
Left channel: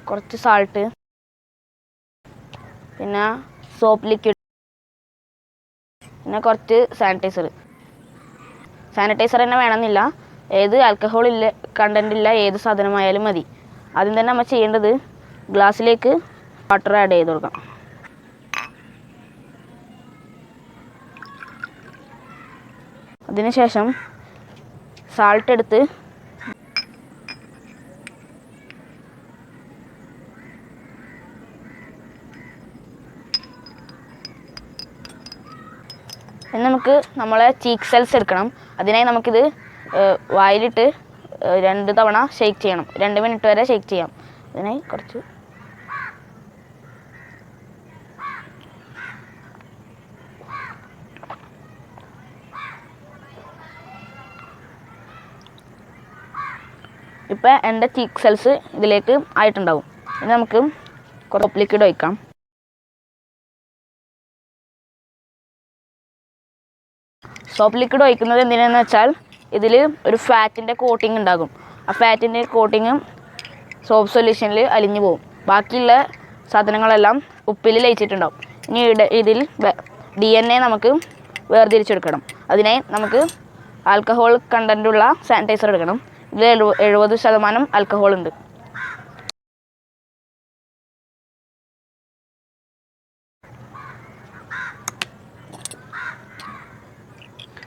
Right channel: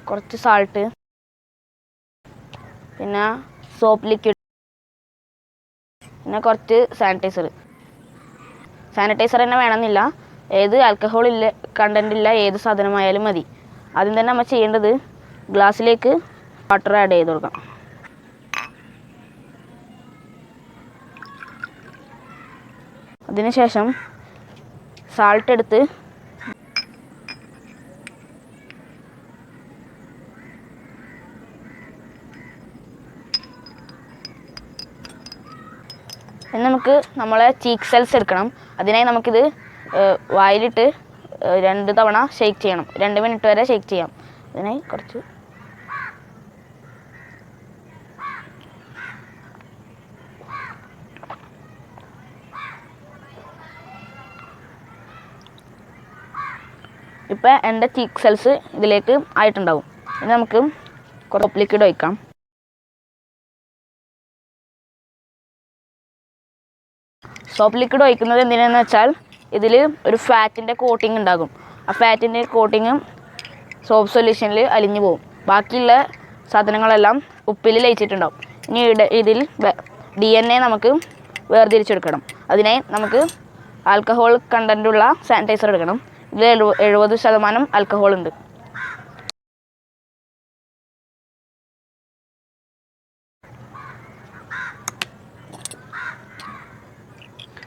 കുറച്ച് സാൾട്ട്, പിന്നെ സോപ്പ് ലിക്വിഡ്, പിന്നെ കുറച്ച് സാനിറ്റൈസർ തന്നെ വേണമെന്നില്ല. ഏത് ആൽക്കഹോൾ ഇല്ല കണ്ടൻ്റ് ഇല്ല ഏത് സാധനമായാലും മതി. ആദ്യം തന്നെ നമ്മൾ ചെയ്യേണ്ടത് ഗ്ലാസ്സിലേക്ക് വാട്ടർ ആഡ് ചെയ്ത് കൊടുക്കാം. അതിനുശേഷം സാൾട്ട് എടുത്ത് നമുക്ക് നമ്മളെ ചീക്ക് സെൽസ് എടുക്കണം. അതിനായി നമുക്കിത് വായിലിട്ട് 2 തവണ ഷെയ്ക്ക് ചെയ്യണം. 2 മിനിറ്റ് വരെ ഷെയ്ക്ക് ചെയ്യാം. അതിനായി കുറച്ച് ഇപ്പം എൻ്റെ ചീക്ക് സെൽസ് ഇതിലേക്ക് ആയിട്ടുണ്ടാവും. ഇനി നമുക്ക് കുറച്ച് ലിക്വിഡ് ഒഴിക്കാം. സോപ്പ് ലിക്വിഡ് ഒഴിക്കുന്നത് എന്തിനാണെന്ന് വെച്ചാൽ ഇതിൽ ഒരു ഫാറ്റിൻ്റെ കോട്ടിങ് ഉണ്ടാകും. ആ ഫാറ്റിൻ്റെ കോട്ടിങ് സോപ്പ് സൊല്യൂഷനിൽ അലിഞ്ഞു പോകും. ബാക്കിയുള്ള സാധനങ്ങളെല്ലാം ഉപ്പിൽ ലയിച്ചിട്ടുണ്ടാവും. ഇനി ഇതിൽ DNA നമുക്ക് വേർതിരിച്ചെടുക്കണം. അതിനായി നമുക്ക് ആൽക്കഹോൾ കണ്ടൻ്റുള്ള സാനിറ്റൈസർ എടുക്കണം. ഇതിൽ 70% ആൽക്കഹോൾ ഉണ്ട്.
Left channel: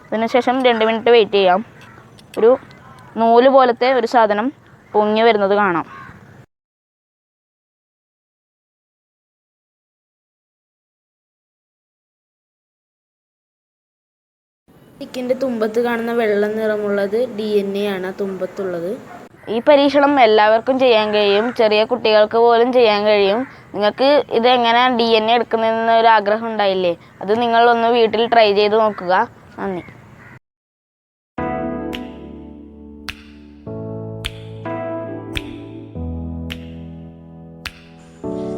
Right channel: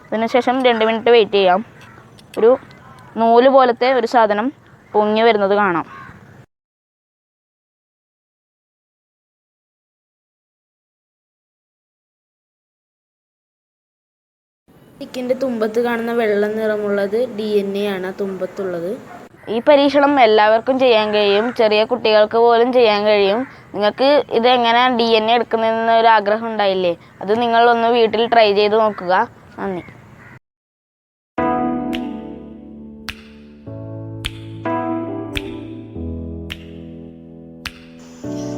അതിനുശേഷം 2 മിനിറ്റ് വെയിറ്റ് ചെയ്യാം. ഒരു നൂല് പോലത്തെ ഒരു സാധനം പൊങ്ങി വരുന്നത് കാണാം. ചിക്കൻ്റെ തുമ്പത്ത് കാണുന്ന വെള്ള നിറമുള്ളത് DNA ആണ് തുമ്പത്തുള്ളത്. ഈ പരീക്ഷണം എല്ലാവർക്കും ചെയ്യാൻ കഴിയും. ചെറിയ കുട്ടികൾക്ക് പോലും ചെയ്യാൻ കഴിയും. നിങ്ങൾക്ക് ഇത് എങ്ങനെ DNA എടുക്കുന്നതെന്ന് ഒരു ആഗ്രഹം ഉണ്ടായില്ലേ? അത് നിങ്ങളൊന്ന് വീട്ടിൽ ട്രൈ ചെയ്ത് നോക്കുക. നന്ദി.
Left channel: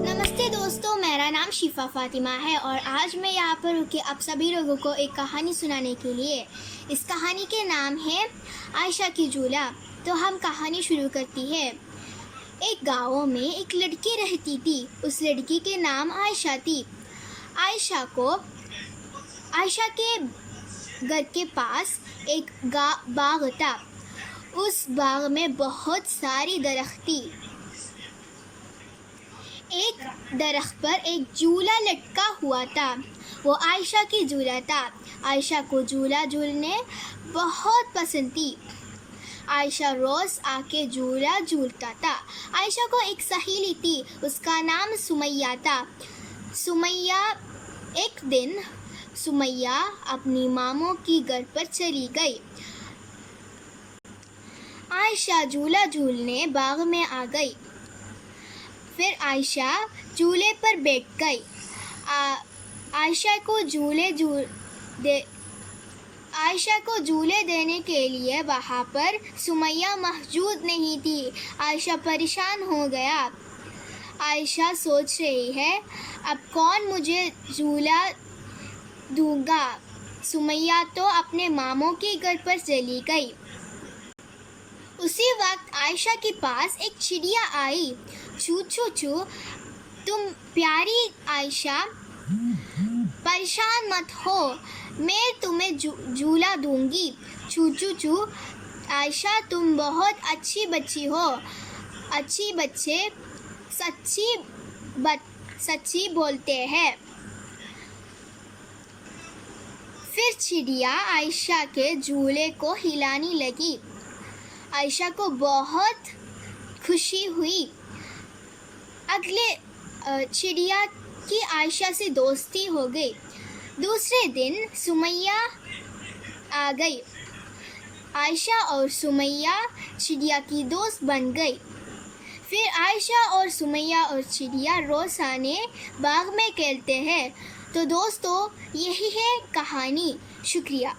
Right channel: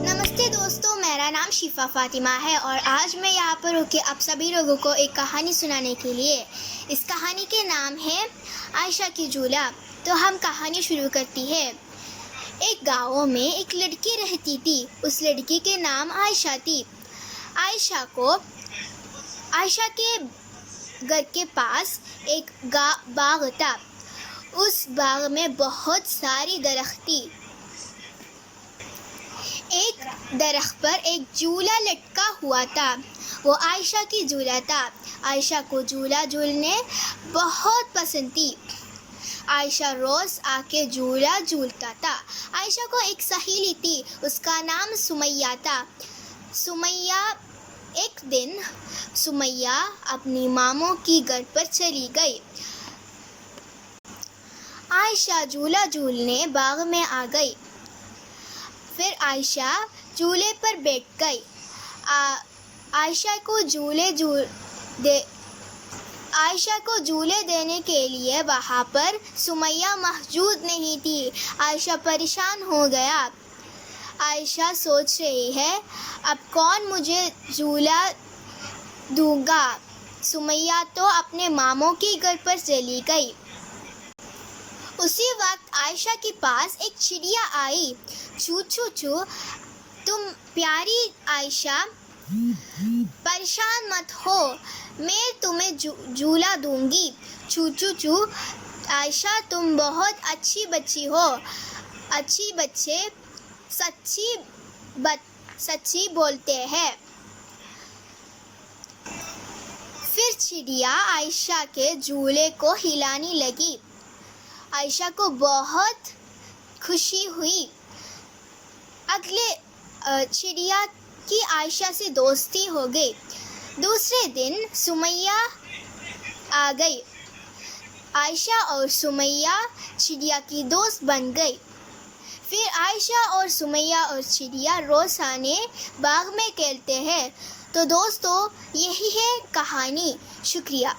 नमस्ते दोस्तों, मेरा नाम शिफा फातिमा है और आज मैं यहाँ पर होकर आप सभी लोगों को एक कहानी सुनाने के लिए। इस कहानी के नाम है आयशा की झूला। तो हम कहानी शुरू करती है। एक गाँव में एक लड़की रहती थी। उस लड़की के नाम आयशा थी। आयशा के घर के पास एक बाग था। उस बाग में बहुत सारी दरख्त थी। एक दरख्त पर एक झूला लटका हुआ था। वो आयशा की झूला था। आयशा को झूला झूलने बहुत पसंद थी। आयशा रोज आके झूला झूलता था। आयशा को एक सहेली थी, उसका नाम सुमैया था। एक दिन सुमैया अपनी मामों की घर पर चली गई। आयशा झूला झूलने बाग में आ गई। फिर आयशा झूले पर बैठ गई। आयशा को झूले देने के लिए वहाँ पर सुमैया मौजूद नहीं थी। आयशा परेशान हो गया। आयशा सोच रही है, अब कौन मुझे झूला दूंगा। सुमैया तो अपने मामों के घर पर चली गई। उसी वक्त आयशा के पास एक चिड़िया आई। चू चू चू, तुम प्यारी आयशा, परेशान मत हो, मैं तुम्हें झूला दूंगी। चू चू चू, आयशा तुम बहुत अच्छी बच्ची हो। अच्छी बच्चे सच्ची बोलते हैं। फिर चिड़िया आयशा के झूले को हिलाने लगी। आयशा को बहुत खुशी हुई। अगले चिड़िया की आयशा से दोस्ती हो गई। दूसरे दिन सुमैया आ गई। आयशा और सुमैया चिड़िया की दोस्त बन गई। फिर आयशा और सुमैया और चिड़िया रोज आने बाग में खेलते हैं। तो दोस्तों, यही है कहानी। शुक्रिया।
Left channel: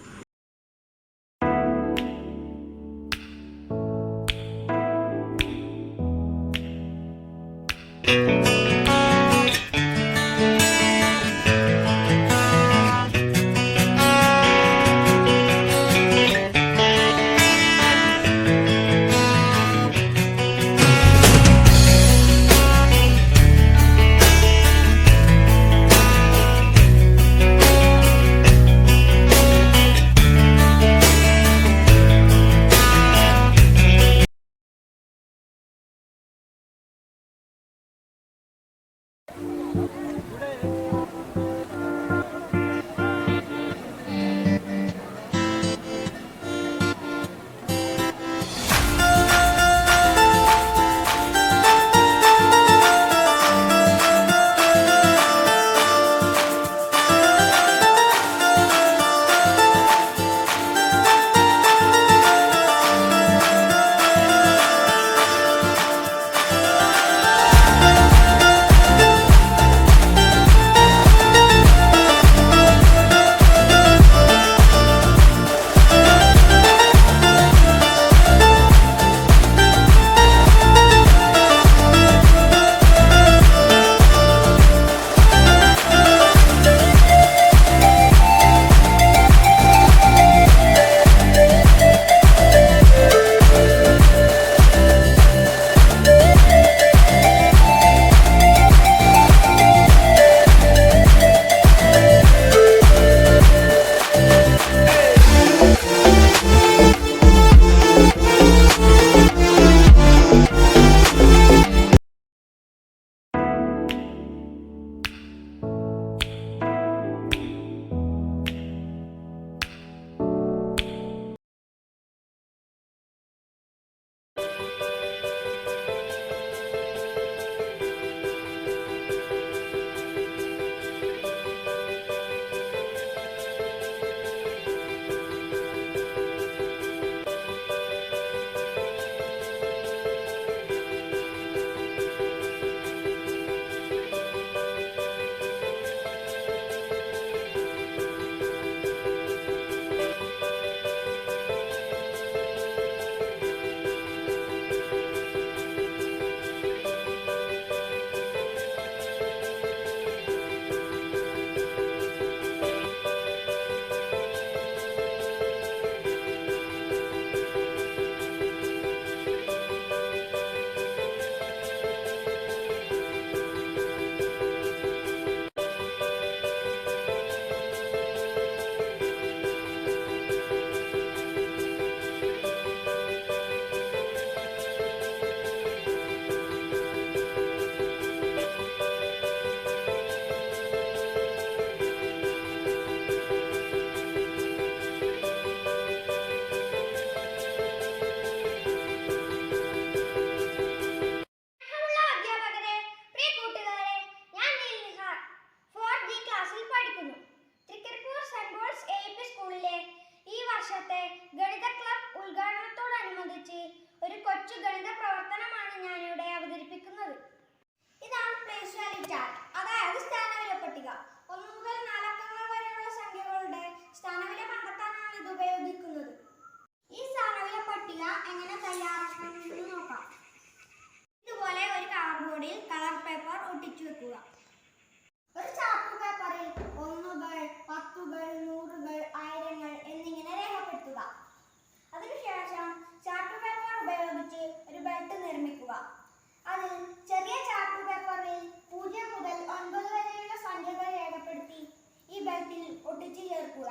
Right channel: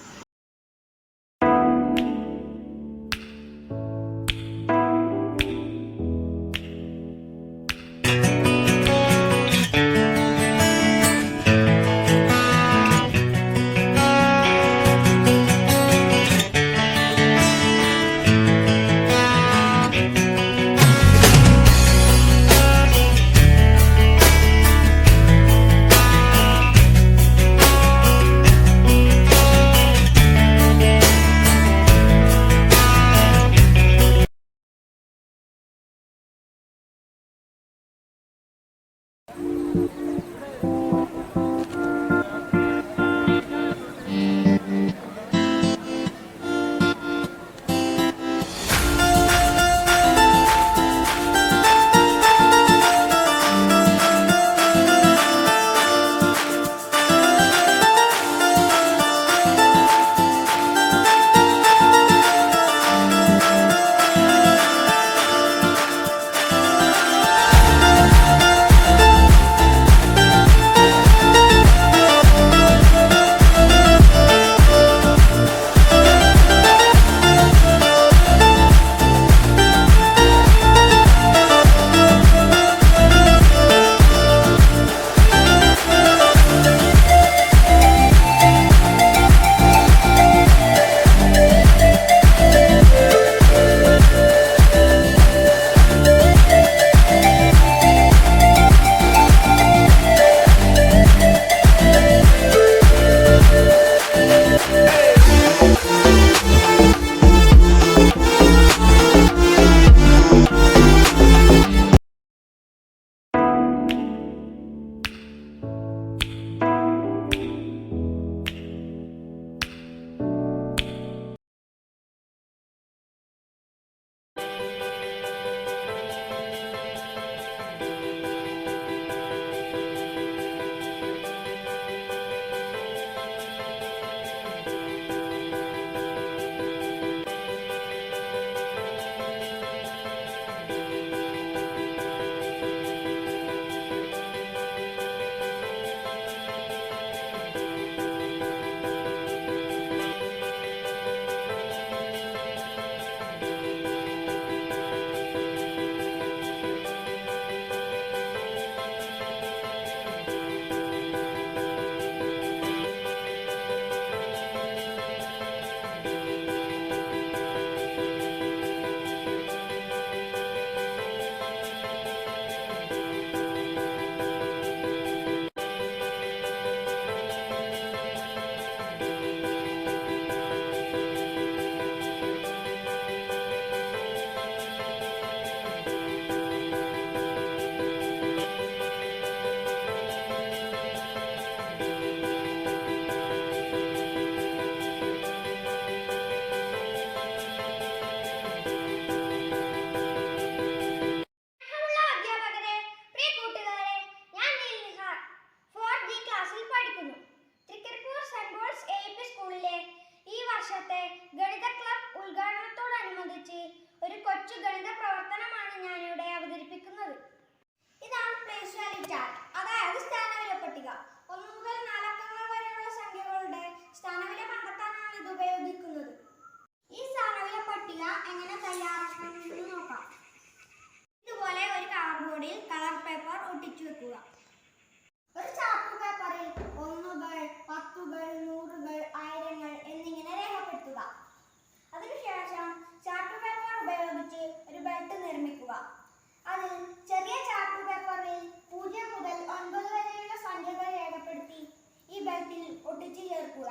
അതെങ്ങനെ തയ്യാറാക്കാമെന്ന് നോക്കാം. ഇതുപോലെ ഒരു കാർഡ്ബോർഡിൽ കളർ പേപ്പർ ഒട്ടിച്ചു വെക്കുക. ഒരു ചാർട്ട് പേപ്പറിൽ 1കൾ, 10കൾ, 100കൾ, 1000കൾ എന്നിങ്ങനെ രേഖപ്പെടുത്തുക. അതിനുശേഷം ചാർട്ട് പേപ്പർ ഉപയോഗിച്ച് ഒരു ബെൽറ്റ് നിർമ്മിക്കുക. അതിൽ ചെറിയ ചാർട്ട് പേപ്പറിൽ 0 മുതൽ 9 വരെയുള്ള സംഖ്യകൾ രേഖപ്പെടുത്തി ഈ ബെൽറ്റിൽ ഒട്ടിച്ചു ചേർക്കുക.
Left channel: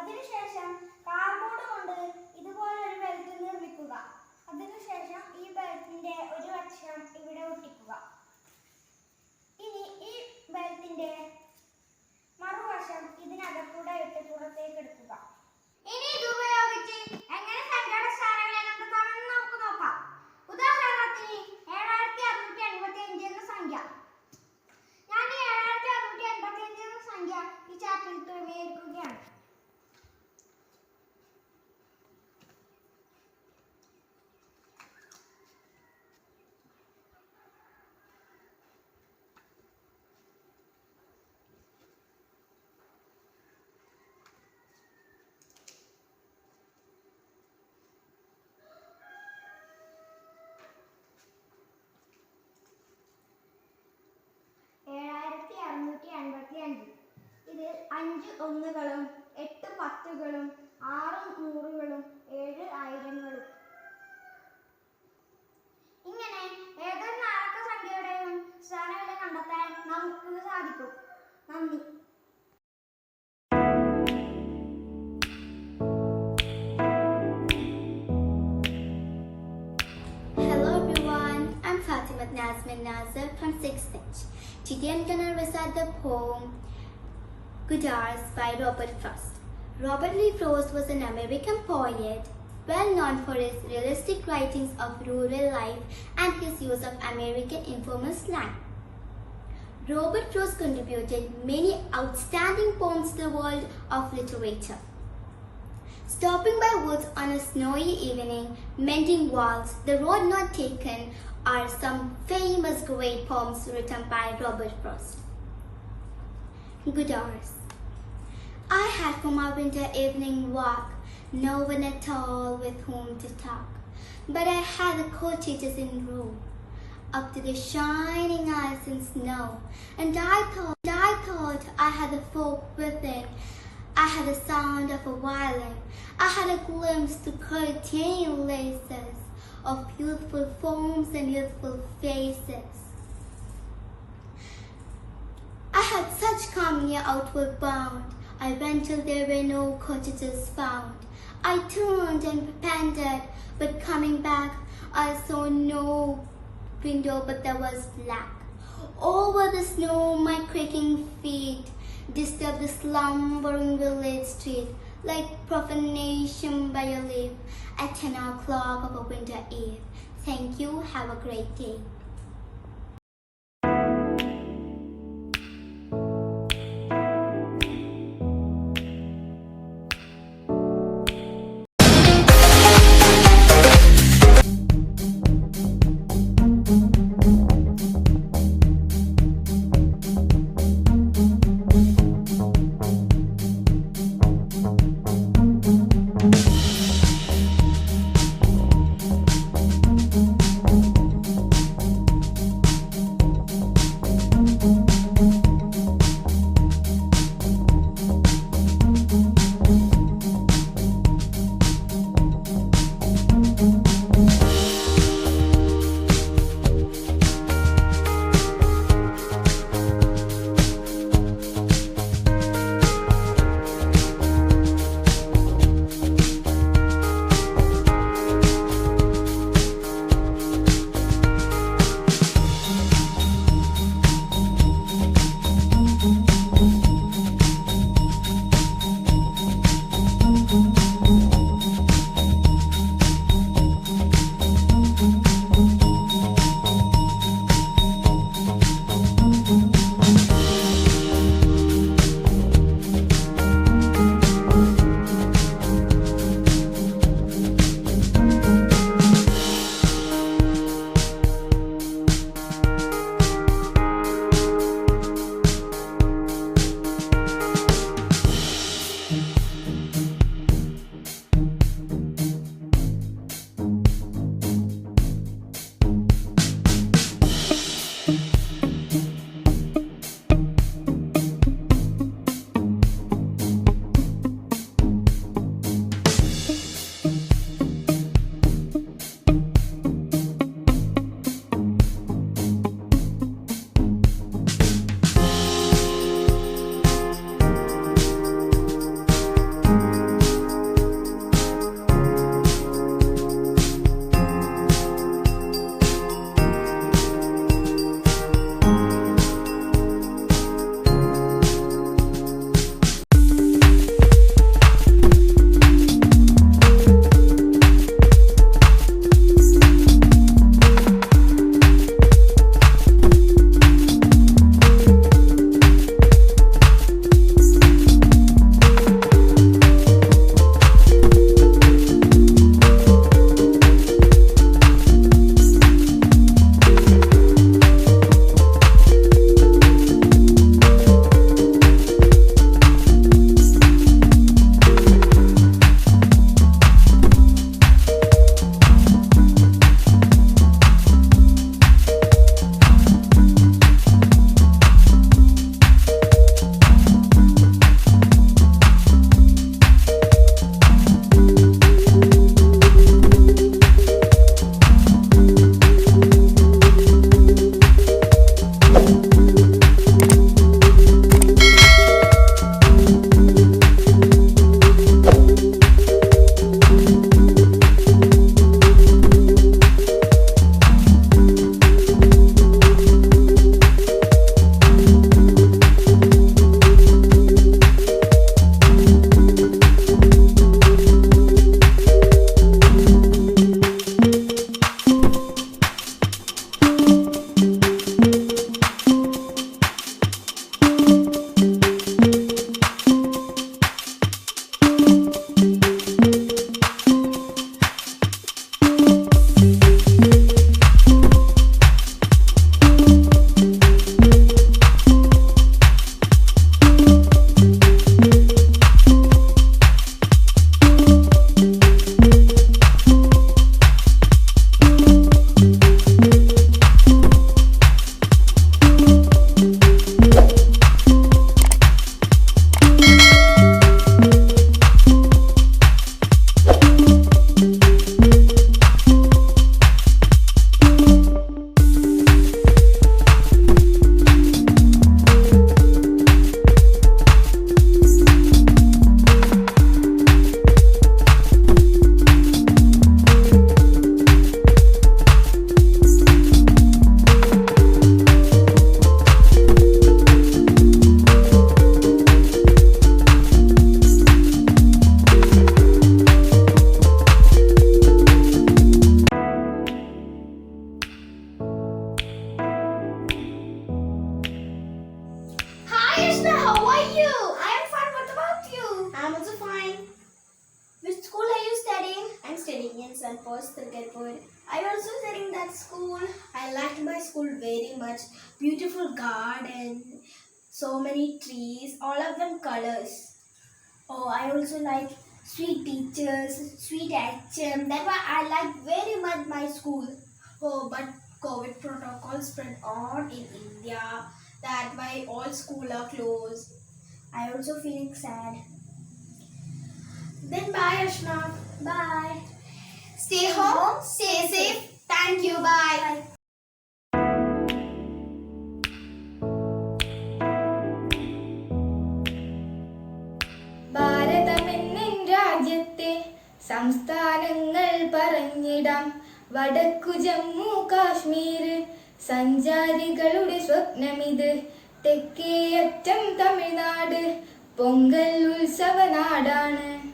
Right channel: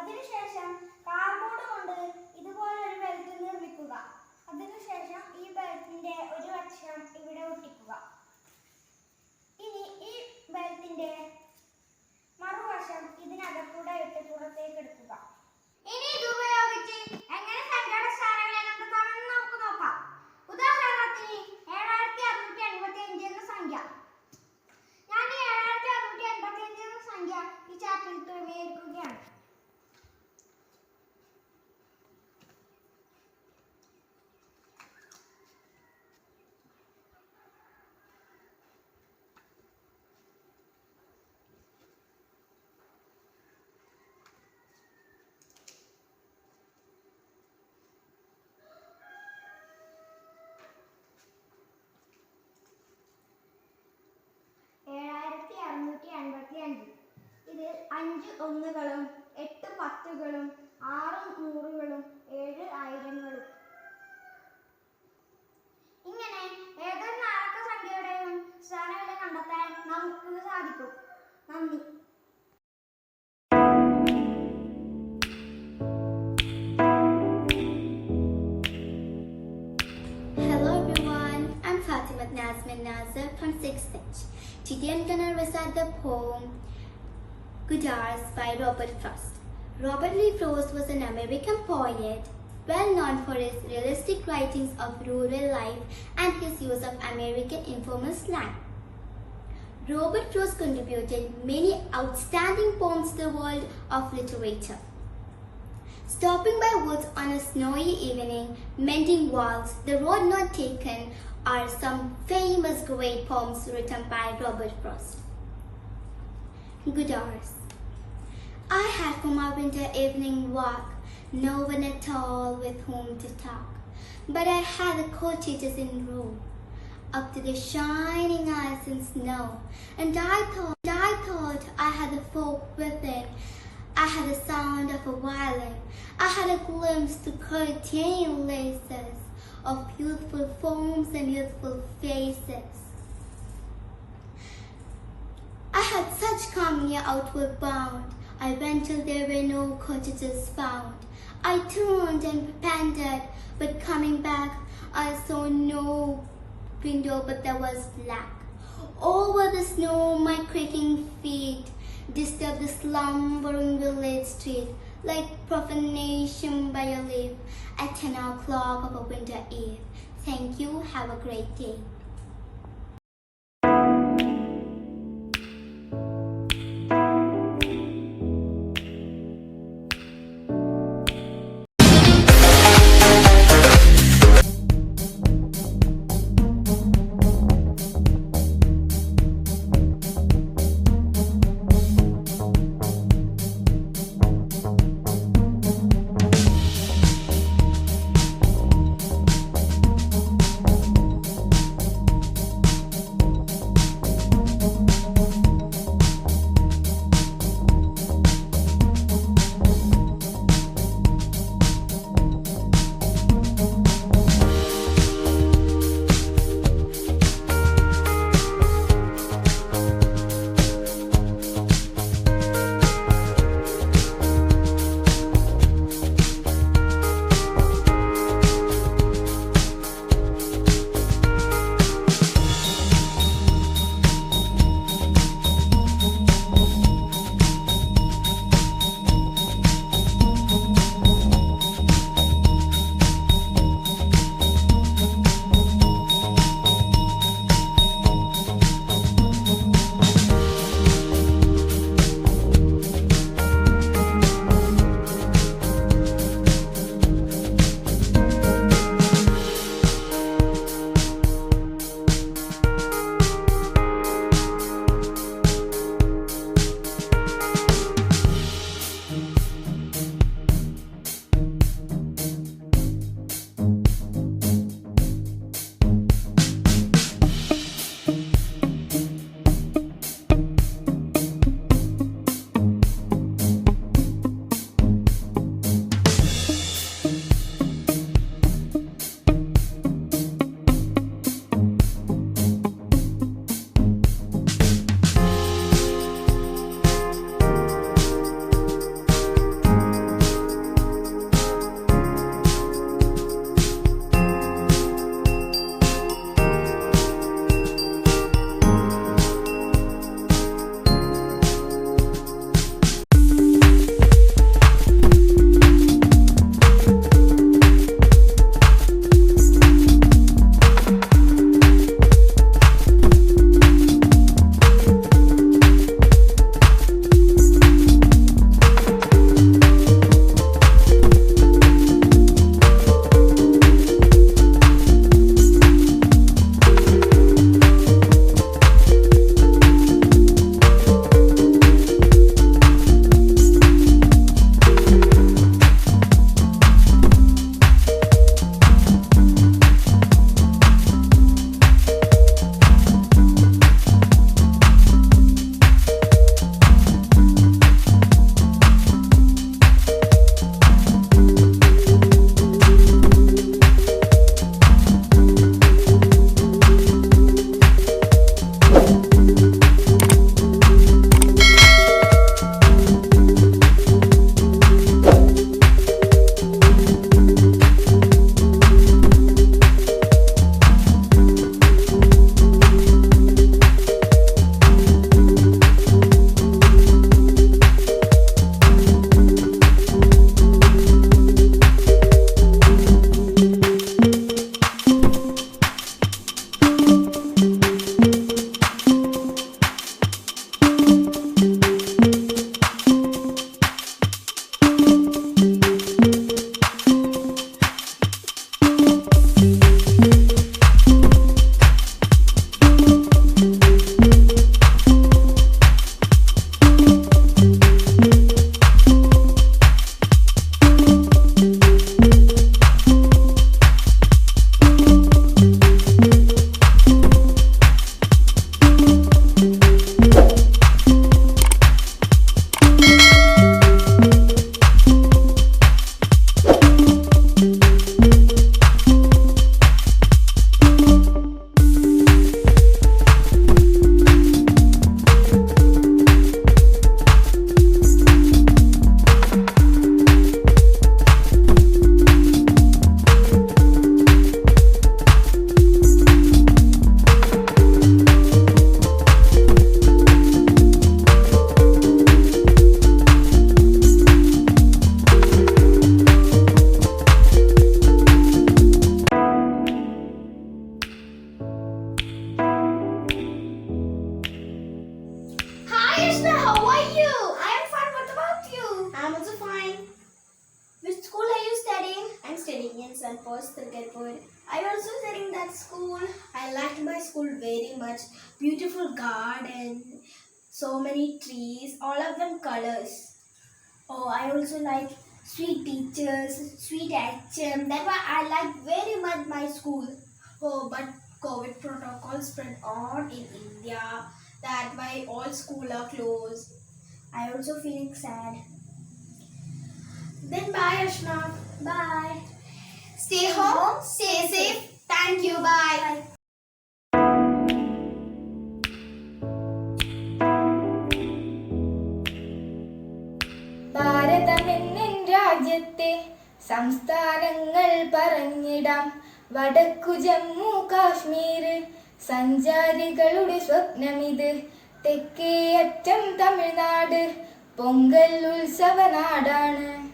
അതിനുശേഷം കാർഡ്ബോർഡ് കൊണ്ട് ഇതുപോലെ ഒരു ബെൽറ്റ് നിർമ്മിക്കുക. അതിനുശേഷം ഈ ബെൽറ്റിന്റെ ഒരു വശം ഇവിടെ ഒട്ടിക്കുക. ഇനി ഈ ബെൽറ്റിന്റെ മറുവശം ഇതിനകത്തൂടെ ഇട്ട് പുറത്തേക്ക് എടുക്കുക. ഇനി ഇത് ഉപയോഗിച്ച് എങ്ങനെ സംഖ്യയുടെ സ്ഥാനങ്ങളെ കണ്ടെത്താമെന്ന് നമുക്ക് നോക്കാം. ഉദാഹരണത്തിന് 7685 എന്ന സംഖ്യ. ഞാൻ ഈ 7685 എന്ന സംഖ്യ ഈ ചാർട്ടിൽ ക്രമീകരിക്കുകയാണ്. ഇതിൽ 5 1കളും 8 10കളും 6 100കളും 7 1000കളും. ഇങ്ങനെ ഏതൊരു നാലക്ക സംഖ്യയുടെയും സ്ഥാനവില കണ്ടെത്താൻ നമുക്ക് സാധിക്കും. നന്ദി. Hello everyone, I'm Fatima Nazmin Nazar from 6th Bench. Today I'm gonna recite the poem Good Hours by Robert Frost. Robert Lee Frost was an American poet, well known for his realistic writings of rural life and his use of American informal slang. Robert Frost contributed many outstanding poems to the world of literature. Stopping by woods on a snowy evening, mending walls, the road not taken are some famous great poems written by Robert Frost. Good Hours. I had for my winter evening walk no one at all with whom to talk, but I had the cottages in row, up to the shining ice and snow, and I thought I had the folk within. I had the sound of a violin. I had a glimpse to curtain laces of youthful forms and youthful faces. I had such calm near outward bound. I went till there were no cottages found. I turned and panted, but coming back, I saw no window, but there was black. Over the snow, my creaking feet disturbed the slumbering village street, like profanation by a leaf at 10 o'clock of a winter eve. Thank you. Have a great day. It's at Post Cricketpur. I also studied that school. I liked my school very much. Beautiful garden, so many trees, all of them colors. Oh, I also like sweet teachers, sweet HM. That's why I like very much my school. Oh, but COVID protocol spread on in India. That's why all schools are closed. I also feeling sad. Then bye, Ashna. Bye. Stay home, stay safe. Thank you. Bye. ഭാരതമെന്നിൻ രാജ്യത്തെ സംസ്ഥാനങ്ങൾ പറഞ്ഞിടാം. വടക്കു ജമ്മു കാശ്മീർ സഞ്ചാരികളുടെ സ്വപ്നമിത്. തെക്കേ അറ്റം തമിഴ്നാട് പൊങ്കൽ ഉത്സവ നാടാണ്.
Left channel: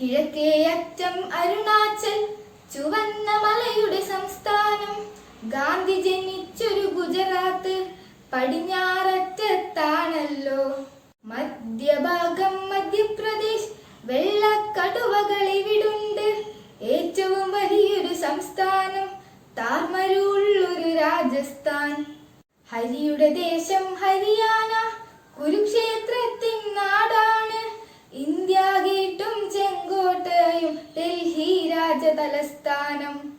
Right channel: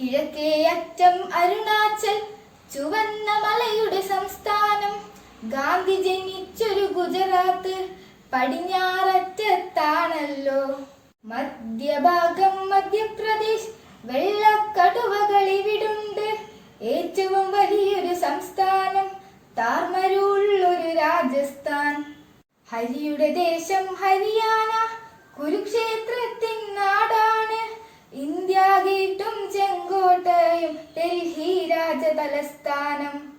കിഴക്കേ അറ്റം അരുണാചൽ ചുവന്ന മലയുടെ സംസ്ഥാനം. ഗാന്ധി ജനിച്ചൊരു ഗുജറാത്ത് പടിഞ്ഞാററ്റത്താണല്ലോ. മധ്യഭാഗം മധ്യപ്രദേശ് വെള്ളക്കടുവകൾ ഇവിടുണ്ട്. ഏറ്റവും വലിയൊരു സംസ്ഥാനം താർമരുള്ളൊരു രാജസ്ഥാൻ. ഹരിയുടെ ദേശം ഹരിയാന കുരുക്ഷേത്രത്തിൻ നാടാണ്. ഇന്ത്യ ഗേറ്റും ചെങ്കോട്ടയും ഡൽഹി രാജതലസ്ഥാനം.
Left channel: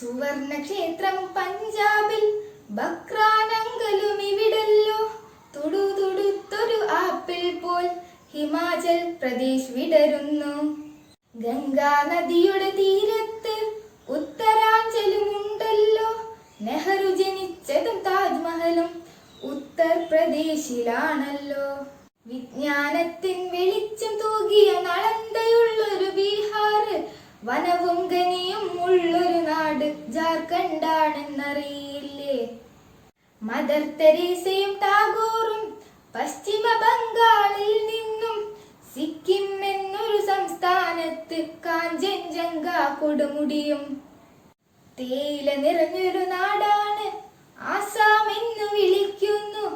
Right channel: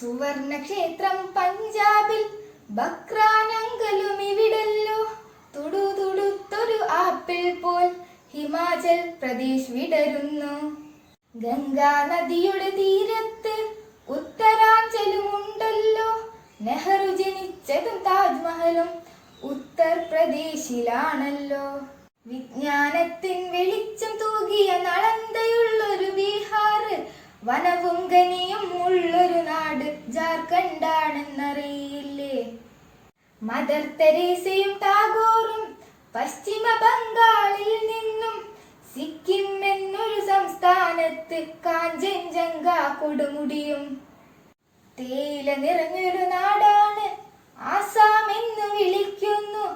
സുവർണക്ഷേത്രം പഞ്ചാബിൽ ബക്രാനങ്കലും ഇവിടല്ലോ. തുടുതുടുത്തൊരു ആപ്പിൾ പോൽ ഹിമാചൽ പ്രദേശ് വിടരുന്നു. ഗംഗാ നദിയുടെ തീരത്ത് ഉത്തരാഞ്ചലുമുണ്ടല്ലോ. നെഹ്റു ജനിച്ചതും താജ്മഹലും ഉത്തർപ്രദേശിലാണല്ലോ. വിജ്ഞാനത്തിൻ വെളിച്ചം തൂകിയ നളന്തയുള്ളൊരു ബീഹാർ. വനവും ഖനിയും ഉള്ളൊരു നാട് ജാർഖണ്ഡാണെന്നറിയില്ലേ. മദർ തെരേസയും ടാഗോറും പശ്ചിമ ബംഗാളിൽ നിന്നും. സിക്കിം എന്നൊരു സംസ്ഥാനത്ത് കാഞ്ചൻജംഗ കൊടുമുടിയും. തേയില നിറഞ്ഞൊരു നാടാണ് ആസാം എന്ന് വിളിക്കുന്നു.